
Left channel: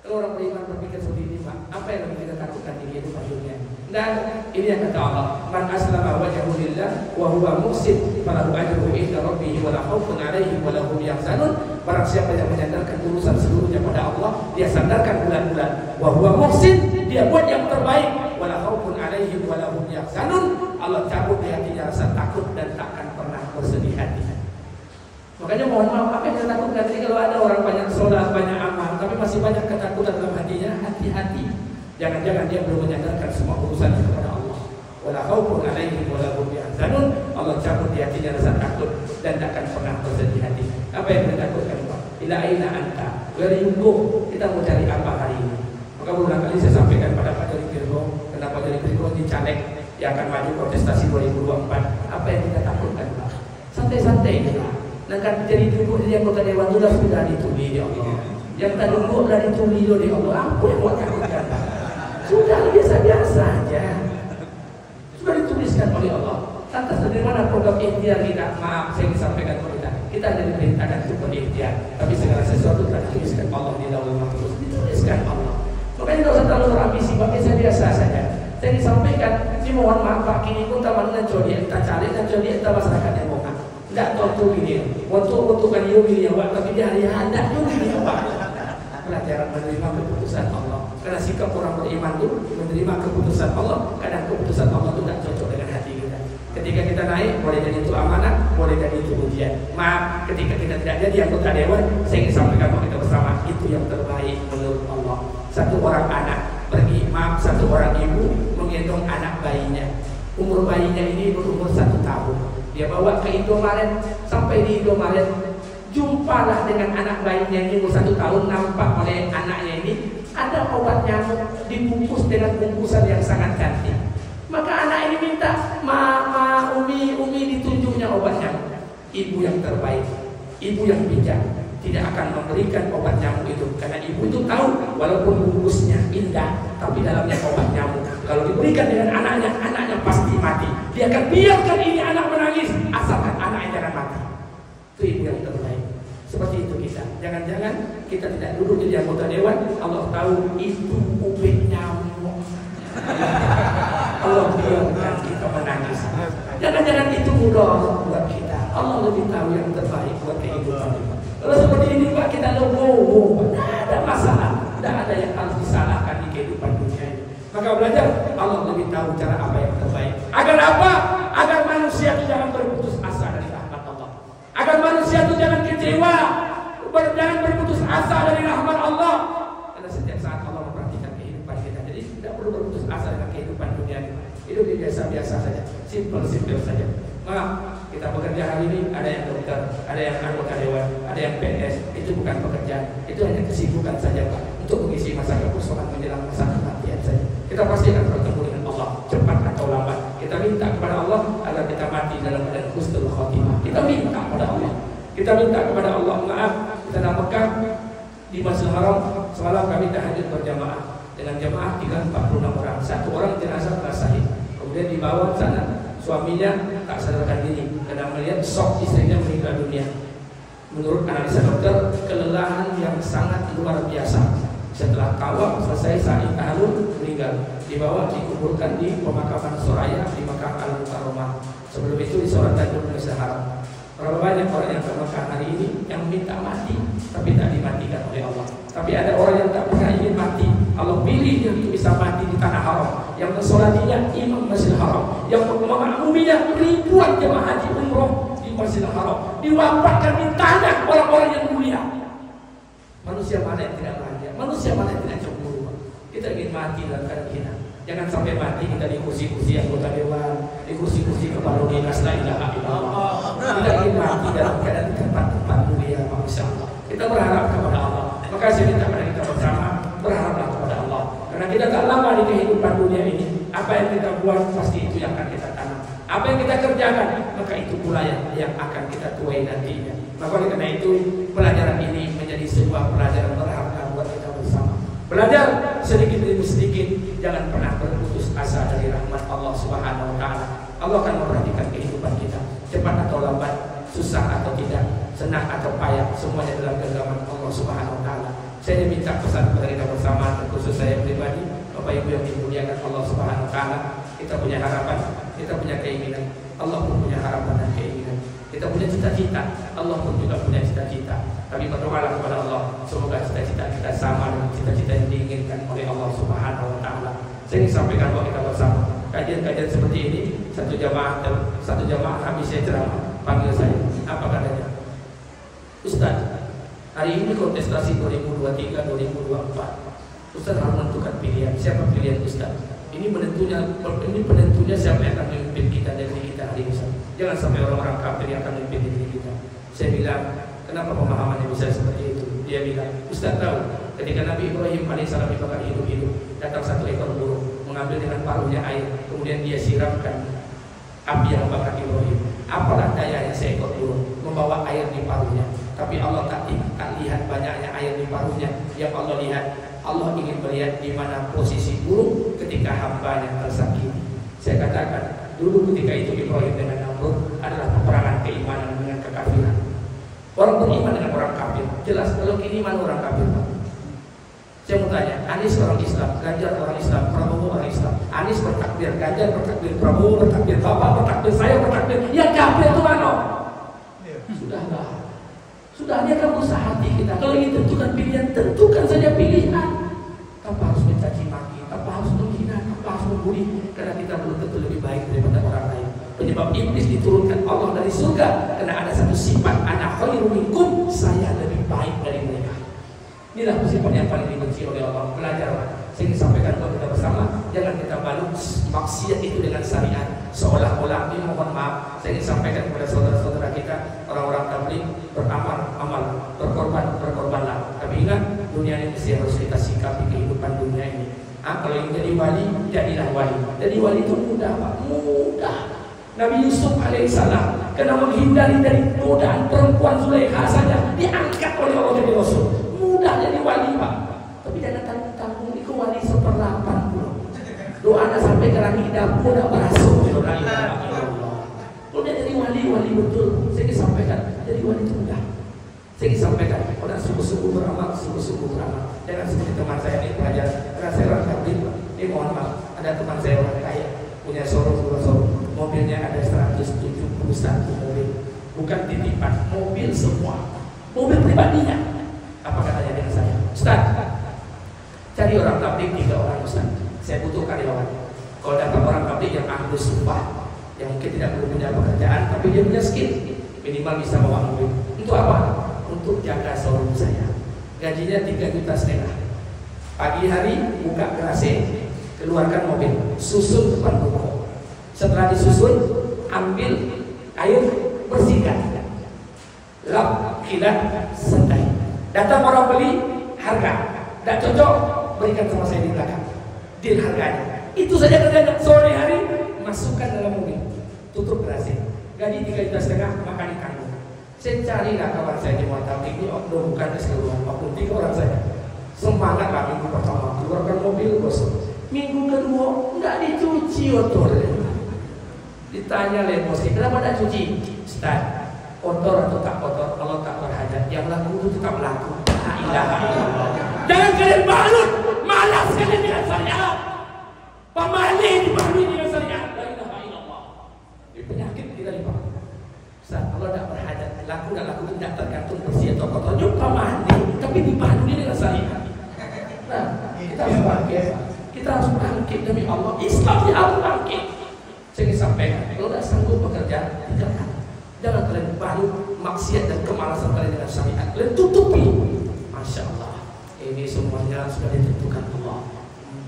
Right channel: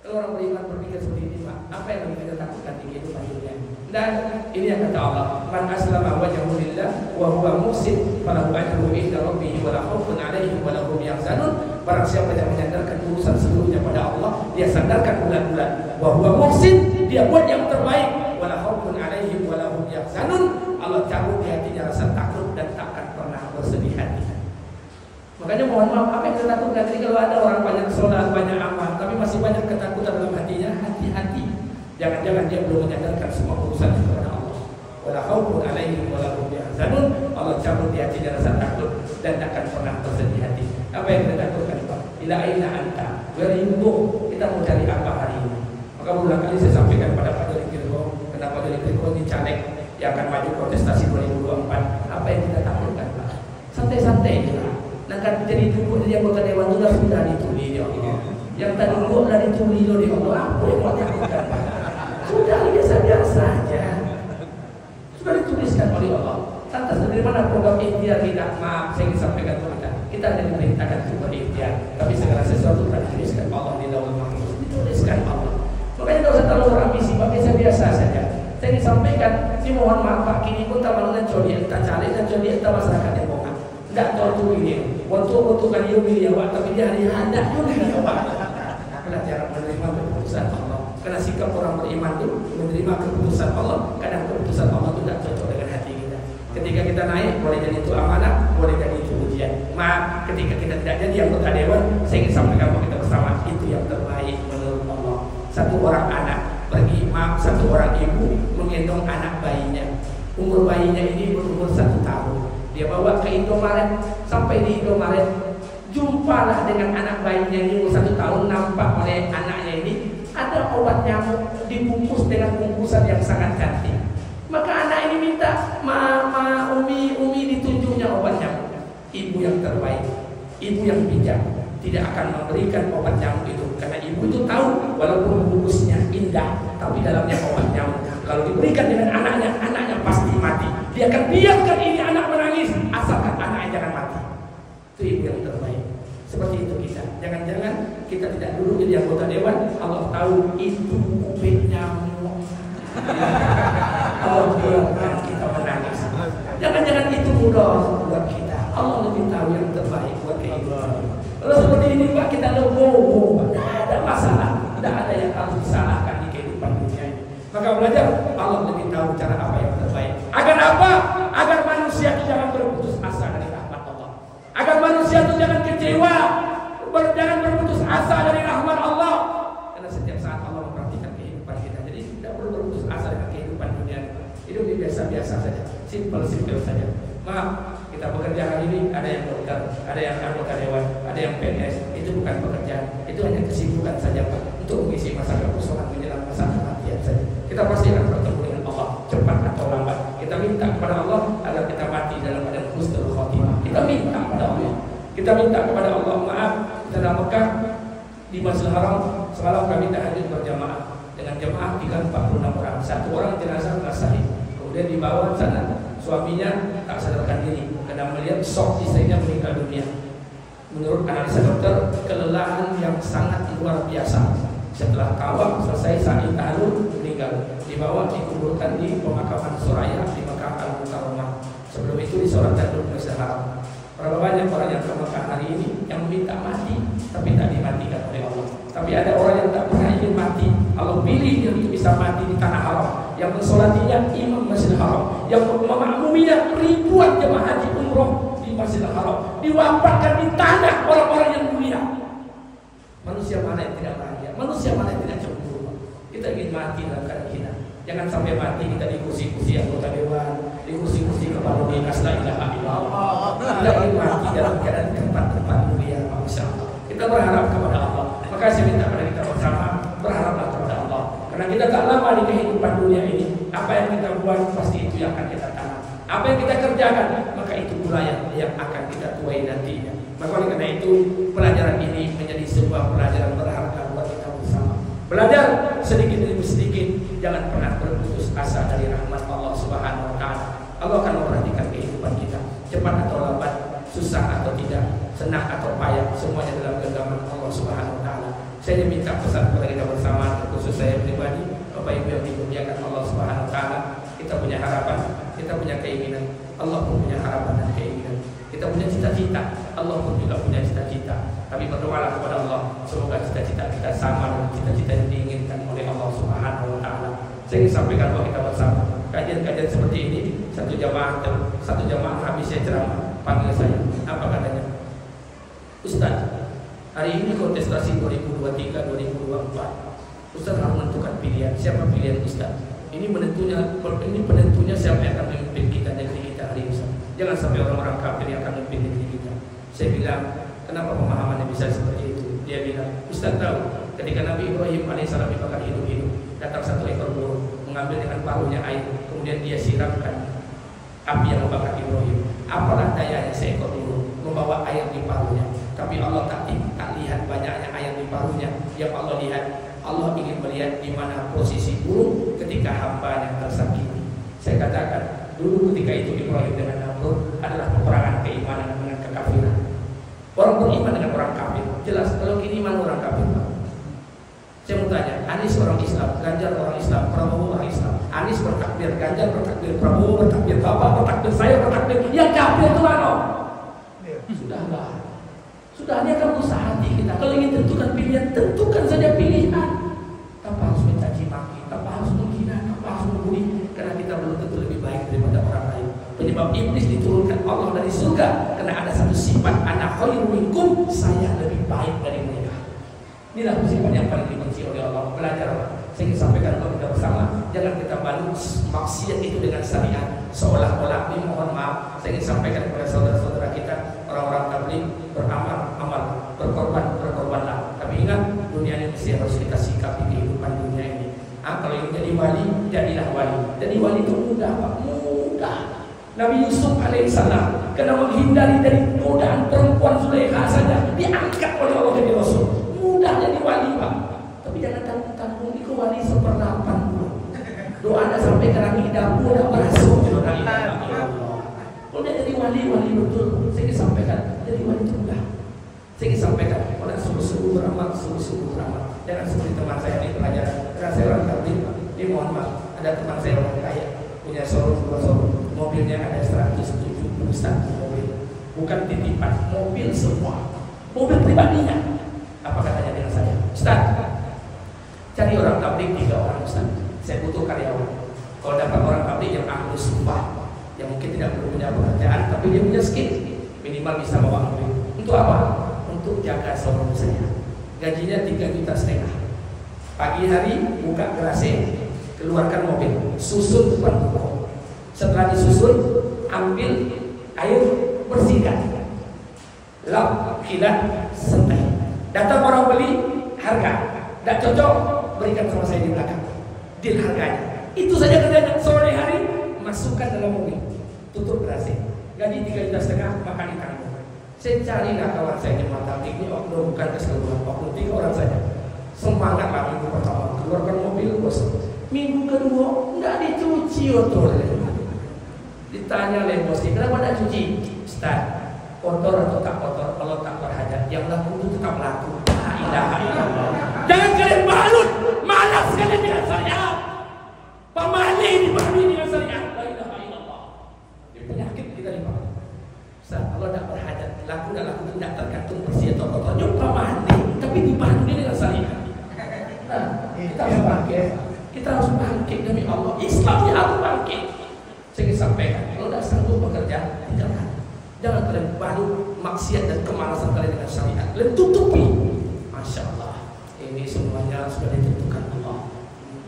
Kalau orang beriman berpikir seperti ini, apa yang lebih kita takutkan di kehidupan dunia? Dan ini yang kata Allah, man aslama wajhahu lillah wa huwa muhsin falahu ajruhu inda rabbih wa la khaufun 'alaihim wa la hum yahzanun. Barang siapa yang menyandarkan urusan seluruhnya pada Allah, dia sandarkan bulan-bulan, wa huwa muhsin, dia buat yang terbaik, wa la khaufun 'alaihim wa la hum yahzanun. Allah cabut di hatinya rasa takut dan takkan pernah bersedih hati. Makanya mohon maaf, apa yang kita takutkan? Jadi kalau ada orang banyak sholat, banyak amal, tapi masih banyak ketakutan dalam hatinya, hati-hati. Jangan-jangan dia belum menyandarkan semua urusannya kepada Allah. Wala khaufun 'alaihim wa la hum yahzanun. Allah cabut di hatinya rasa takut dan takkan pernah bersedih hati. Apa yang kita takutkan, Pak? Ila aina anta? Where you go? Kita mau cari apa hari ini? Maka berulang kali saya sampaikan pada Pak Jody Virgo, karena Pak Jody Virgo ini caleg yang akan maju kontestasi 2024. Apa yang kita takutkan, Pak? Santai-santai kita. Nah kan jadi duduk jadi anggota dewan itu sudah ditulis ya Allah. Yang tadi duduk sudah ditulis oleh Allah. Apa yang mau takutkan? Sudah biasa-biasa saja. Sudah dituliskan oleh Allah. Lantas dari mana program ikhtiar kita? Maaf, saya ingin sampaikan kepada kita. Kita tidak diperintahkan untuk berikhtiar, tapi segala sesuatu telah dituliskan Allah di Lauhul Mahfuz. Dituliskan Allah. Makanya tidak usah terlalu ambisi, biasa-biasa saja. Saya ingin sampaikan, ini mohon maaf Pak, kini pun taman dengan jodi entah caleg dan jodi entah masyarakat yang bohong. Tidak tahu ini. Waktu kan yumi ya Pak, tapi dia hari ada yumi ya Pak. Belajar menerima keputusan Allah. Karena sikap orang beriman itu menerima keputusan Allah. Kadang keputusan Allah itu tidak cocok dengan hati kita. Ketika kita naik, boleh jadi itu amanah, boleh jadi itu ujian. Maaf, ketika kita tidak jadi anggota dewan, saya ingin sampaikan kepada kita bersama, itu yang terbaik menurut Allah. Satu orang anak pergi, maaf, satu orang ibu menggendong anak bayinya. Umur bayinya ini berumur 1 tahun. Dia bawa ke Indomaret, sampai di Indomaret, jumpalah dengan anak bayinya ini umur 1 tahun, nampak oleh anaknya ini ada obat nyamuk dibungkus dengan bungkusan yang sangat cantik. Maka anak ini minta, Mama, Umi ditunjuknya obat nyamuk. Ibu yang terbaik, ibu yang bijak, tidak akan memberikan obat nyamuk itu, karena ibu itu tahu walaupun bungkusnya indah, tapi dalamnya obat nyamuk. Kalau diberikan dengan anaknya pasti mati. Dia akan biarkan ini anak menangis, asalkan anaknya jangan mati. Itu ibu yang terbaik. Seperti itu kita. Jangan-jangan kita tidak dulu jadi anggota dewan, Allah tahu itu ubin nyamuk. Allah biarkan kita menangis. Jangan-jangan itu mudah buat kita. Allah lebih tahu yang terbaik buat kehidupan. Kalau seperti ini Pak, kita legowo, tidak ada masalah, tidak ada yang harus disalahkan di kehidupan dunia ini. Maka belajar, Allah lebih tahu cara apa yang terbaik. Agar apa? Agar manusia itu jangan berputus asa dari rahmat Allah. Agar manusia itu jangan kecewa, jangan berputus asa dari rahmat Allah. Karena setiap saat Allah memperhatikan kehidupan kita. Jadi tidak perlu berputus asa dengan kehidupan dunia ini. Hidup biasa-biasa saja, simple saja. Maaf, kita bekerja hari ini, ada yang dokter, ada yang anggota dewan, ada yang PNS. Itu bukan pekerjaan, itu hanya kesibukan saja Pak, untuk mengisi masa kekosongan menjelang masa kematian saja. Kita pasti akan bertemu dengan Allah, cepat atau lambat. Kita minta kepada Allah agar kita mati dalam keadaan husnul khotimah. Kita minta kepada Allah. Kita minta kepada Allah, maaf, kita dalam Mekah di Masjidil Haram semalam kami tahajud berjamaah dengan jamaah 346 orang. Satu orang jenazah telah sahih. Kemudian dibawa ke sana. Suaminya tak sadarkan diri karena melihat shock istrinya meninggal dunia. Menurut analisa dokter, kelelahan yang sangat luar biasa. Setelah tawaf selesai sa'i tahlul meninggal. Dibawa dikuburkan di pemakaman Soraya di Mekah Al-Mukarramah. Sebelum itu disolatkan di Masjidil Haram. Berapa banyak orang yang ke Mekah hari ini yang minta mati tapi tak dimatikan oleh Allah. Tapi ada orang yang tak pernah ingin mati. Allah pilih dia untuk bisa mati di tanah haram. Yang mensolatinya imam Masjidil Haram, yang memakmuminya ribuan jemaah haji umroh di Masjidil Haram, diwafatkan di tanah orang-orang yang mulia. Manusia mana yang tidak bahagia? Manusia mana yang tidak cemburu? Kita ingin mati dalam keadaan kita. Jangan sampai mati kita di kursi-kursi anggota dewan, di kursi-kursi kepala dinas, la ilaha illallah. Kita ingin mati dalam keadaan tempat-tempat mulia, Masya Allah. Kita berharap kepada Allah. Maka saya minta pada kita bersama berharaplah kepada Allah. Karena kita tak lama di kehidupan dunia ini. Apa yang kita buat pasti itu yang akan kita tanam. Apa yang kita kerjakan maka itu pula yang akan kita tuai nantinya. Maka oleh karena itu pelajaran ini menjadi sebuah pelajaran berharga buat kita bersama. Belajar sedikit demi sedikit, jangan pernah berputus asa dari rahmat Allah Subhanahu wa taala. Allah akan memperhatikan kehidupan kita. Cepat atau lambat, susah atau tidak, senang atau payah, semuanya dalam genggaman Allah Subhanahu wa taala. Saya minta pesan kepada kita bersama, khusus saya pribadi, Bapak Ibu yang dimuliakan Allah Subhanahu wa taala. Kita punya harapan, kita punya keinginan, Allah pun punya harapan dan keinginan. Kita punya cita-cita, Allah pun juga punya cita-cita. Tapi berdoalah kepada Allah, semoga cita-cita kita sama dengan cita-cita yang diinginkan oleh Allah Subhanahu wa taala. Saya ingin sampaikan bahwa kita bersama kajian-kajian seperti ini, satu jamaah habis saya ceramah, panggil saya, apa katanya? Ustaz, hari ini kontestasi 2023-2024. Ustaz harus menentukan pilihan. Siapa pilihan Ustaz? Ini penentunya siapa yang akan memimpin kita, negeri kita hari ini. Jangan sampai orang-orang kafir yang akan memimpin negeri kita. Saya bilang, kenapa pemahamannya bisa seperti itu? Dia bilang, Ustaz tahu, ketika Nabi Ibrahim alaihissalam dibakar hidup-hidup, datang satu ekor burung, mengambil dengan paruhnya air, kemudian dia siramkan api yang membakar Ibrahim. Apalah dayanya seekor burung membawa air di paruhnya, tapi Allah tak lihat banyaknya air di paruhnya. Yang Allah lihat, Allah ingin melihat di mana posisi burung ketika hambanya tersakiti. Saya katakan, dulu ketika itu Ibrahim dengan Namrud adalah peperangan keimanan dengan kekafiran. Orang beriman dengan orang kafir. Jelas, kalau kini mana orang kafir? Saya mau tanya, Anies orang Islam, Ganjar orang Islam, Prabowo orang Islam. Anies bertakbir, Ganjar bertakbir, Prabowo bertakbir, Bapak bertakbir, saya bertakbir. Yang kafir itu mana? Sudahlah. Sudahnya kamu usaha hati kita. Kalau ingin tentukan pilihan, tentukan saja pilihan. Tanpa harus mencaci maki, tanpa harus menghina, tanpa harus membuli. Karena kita belum tentu lebih baik daripada orang lain. Penyebab iblis diturunkan Allah dari surga karena ada satu sifat, ana khairum minkum, saya lebih baik dari mereka. Inilah sifat yang paling dibenci oleh Allah. Belajar. Saya ingin sampaikan kepada kita bersama, jangan kita balut maksiat itu dengan syariat seolah-olah. Ini mohon maaf, saya ingin sampaikan kepada saudara-saudara kita, orang-orang tabligh, beramal, berkorbanlah. Tapi ingat, dunia ini mesti harus kita sikapi kehidupan dunia ini. Kalau ingin jadi wali, jadilah wali. Jadi wali itu mudah, Pak, mudah. Nabi Yusuf alaihissalam karena menghindari dari godaan perempuan Zulaikha saja diangkat oleh Allah jadi Rasul. Mudah jadi wali, Pak. Tapi jangan tanggung-tanggung itu wali 1/80. Doanya sampai ke langit dapur tidak berhasil. Kalau dia jadi wali betul. Saya ingin sampaikan, jadi wali itu mudah. Saya ingin sampaikan, orang sungguh-sungguh beramal, sungguh-sungguh beramal. Jangan seperti teman saya ini pelajaran. Karena saya orang tabligh, ini mohon maaf, ada teman saya orang kaya, punya showroom, mobilnya ada 171 mobil, bukan titipan, mobil semua, mobil pribadinya. Apa katanya dengan saya? Ustaz, cari orang tabligh 3 orang Ustaz. Saya butuh karyawan. Kalau dapat orang tabligh yang ahli sumpah, yang mungkin tidak perlu punya pekerjaan, tapi dia punya skill, minimal bisa bawa mobil. Untuk apa? Untuk jaga showroom saya. Gajinya 3,5 juta. Pagi hari buka garasi, keluarkan mobil, susun depan ruko. Setelah disusun, ambil air, bersihkan, lap, kilat, santai. Datang orang beli, harga, tidak cocok, berikan sama saya di belakang. Deal harganya. Itu saja kerjanya. Sore hari masukkan dalam mobil, tutup garasi. Gaji 3,5 juta, makan ikan. Saya carilah kawan saya di Tabligh ini, bukan keseluruhan, 23 orang saja. Semangatlah minggu pertama, keluarkan mobil, bos. Minggu kedua nggak dicuci kotor. Ditanya oleh bosnya, kenapa tidak cuci? Ustaz, kotor atau tak kotor? Kalau tak berhajat, yang laku itu tetap laku. La ilaha illallah. Jangan kalian balut, malas kalian dengan syariat. Pemali dipahami dengan syariat. La ilaha illallah. Ini penyakit kita di bawah. Ustaz, kalau tidak berhajat, laku dan laku itu tidak tergantung bersih atau kotor. Jumpa mandi, tapi dipahami dengan syariat. Nah, kita harus bangkit. Kita harus bangkit demi Allah. Islam harus bangkit. Saya ingin sampaikan, kalau tidak sanggup bekerja, tinggalkan. Jangan kalian balut maksiat dan kemalasan kalian dengan syariat. Kalian tutupi. Masya Allah, ini semuanya sudah ditentukan Allah.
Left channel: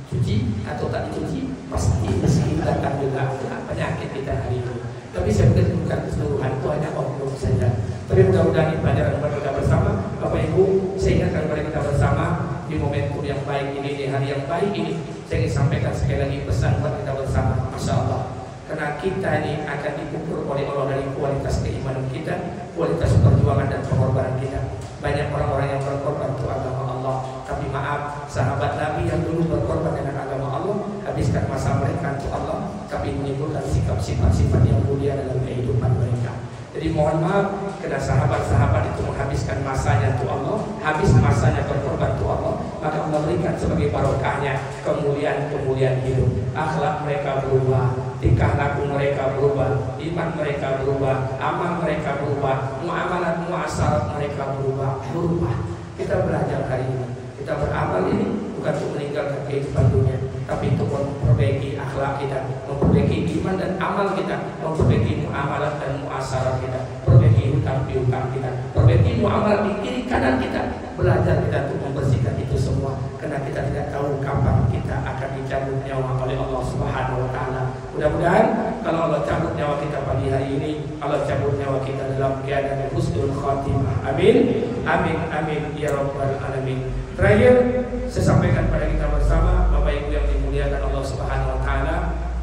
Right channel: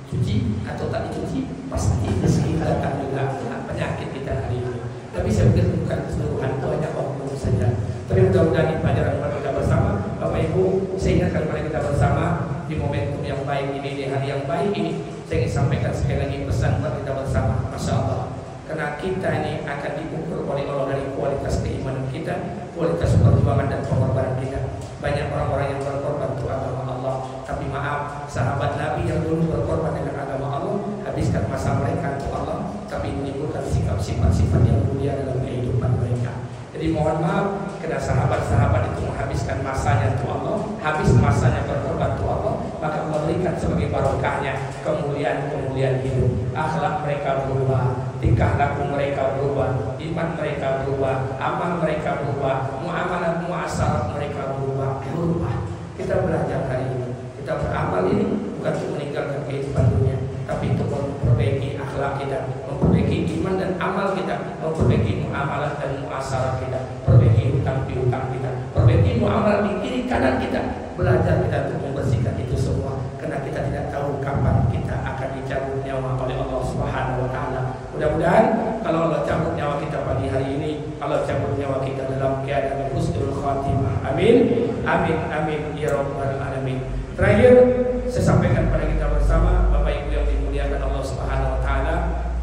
Cuci atau tak dicuci, pasti rezeki datang juga. Penyakit kita saya pikir bukan keseluruhan, itu hanya oknum saja. Tapi mudah-mudahan di pelajaran buat kita bersama, Bapak Ibu, saya ingatkan kepada kita bersama di momentum yang baik ini, di hari yang baik ini, saya ingin sampaikan sekali lagi pesan buat kita bersama. Masya Allah, karena kita ini akan diukur oleh Allah dari kualitas keimanan kita, kualitas perjuangan dan pengorbanan kita. Banyak orang-orang yang berkorban untuk agama Allah, tapi maaf, sahabat Nabi yang dulu berkorban dengan agama Allah, habiskan masa mereka untuk Allah, tapi menimbulkan sifat-sifat yang mulia dalam kehidupan mereka. Jadi mohon maaf, karena sahabat-sahabat itu menghabiskan masanya untuk Allah, habis masanya berkorban untuk Allah, maka Allah berikan sebagai barokahnya kemuliaan hidup. Akhlak mereka berubah, tingkah laku mereka berubah, iman mereka berubah, amal mereka berubah, muamalah muasyarat mereka berubah. Kita belajar hari ini, kita beramal ini bukan untuk meninggalkan kehidupan dunia, tapi untuk memperbaiki akhlak kita, memperbaiki iman dan amal kita, memperbaiki muamalah dan muasyarat kita, perbaiki hutang piutang kita, perbaiki muamalah di kiri kanan kita. Belajar kita untuk membersihkan itu semua, karena kita tidak tahu kapan kita akan dicabut nyawa oleh Allah Subhanahu wa Ta'ala. Mudah-mudahan kalau Allah cabut nyawa kita pagi hari ini, Allah cabut nyawa kita dalam keadaan husnul khatimah. Amin, amin, amin ya rabbal alamin. Terakhir, saya sampaikan pada kita bersama, Bapak Ibu yang dimuliakan Allah Subhanahu wa Ta'ala,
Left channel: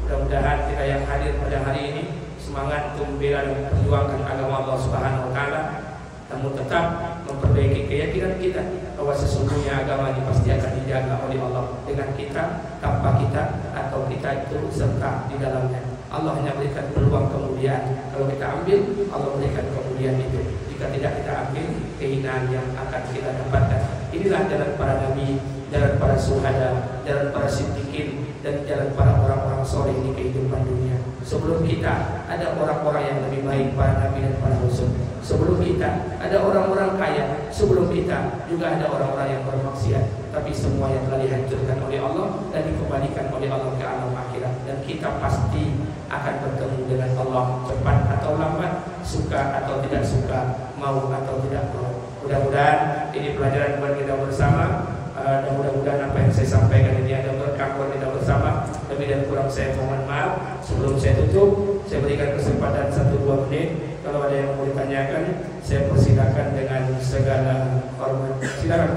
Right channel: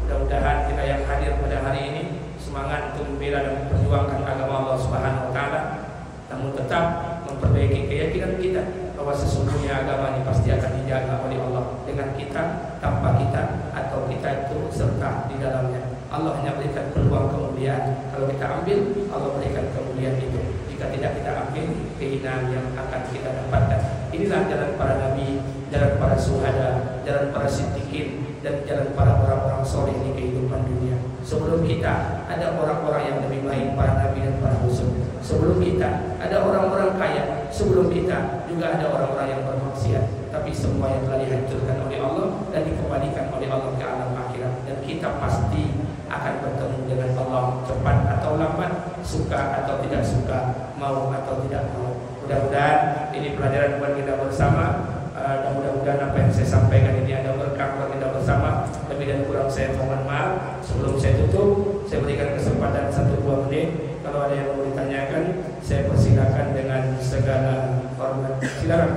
mudah-mudahan kita yang hadir pada hari ini semangat untuk membela dan memperjuangkan agama Allah Subhanahu wa Ta'ala, namun tetap memperbaiki keyakinan kita bahwa sesungguhnya agama ini pasti akan dijaga oleh Allah dengan kita, tanpa kita, atau kita itu serta di dalamnya. Allah hanya berikan peluang kemuliaan. Kalau kita ambil, Allah berikan kemuliaan itu. Jika tidak kita ambil, kehinaan yang akan kita dapatkan. Inilah jalan para nabi, jalan para syuhada, jalan para siddiqin, dan jalan para orang-orang soleh di kehidupan dunia. Sebelum kita ada orang-orang yang lebih baik, para nabi dan para rasul. Sebelum kita ada orang-orang kaya, sebelum kita juga ada orang-orang yang bermaksiat. Tapi semua yang telah dihancurkan oleh Allah dan dikembalikan oleh Allah ke alam akhirat. Dan kita pasti akan bertemu dengan Allah cepat atau lambat, suka atau tidak suka, mau atau tidak mau. Mudah-mudahan ini pelajaran buat kita bersama. Dan mudah-mudahan apa yang saya sampaikan ini ada berkah buat kita bersama. Lebih dan kurang saya mohon maaf. Sebelum saya tutup, saya berikan kesempatan 1-2 menit. Kalau ada yang mau ditanyakan, saya persilakan dengan segala hormat. Silakan.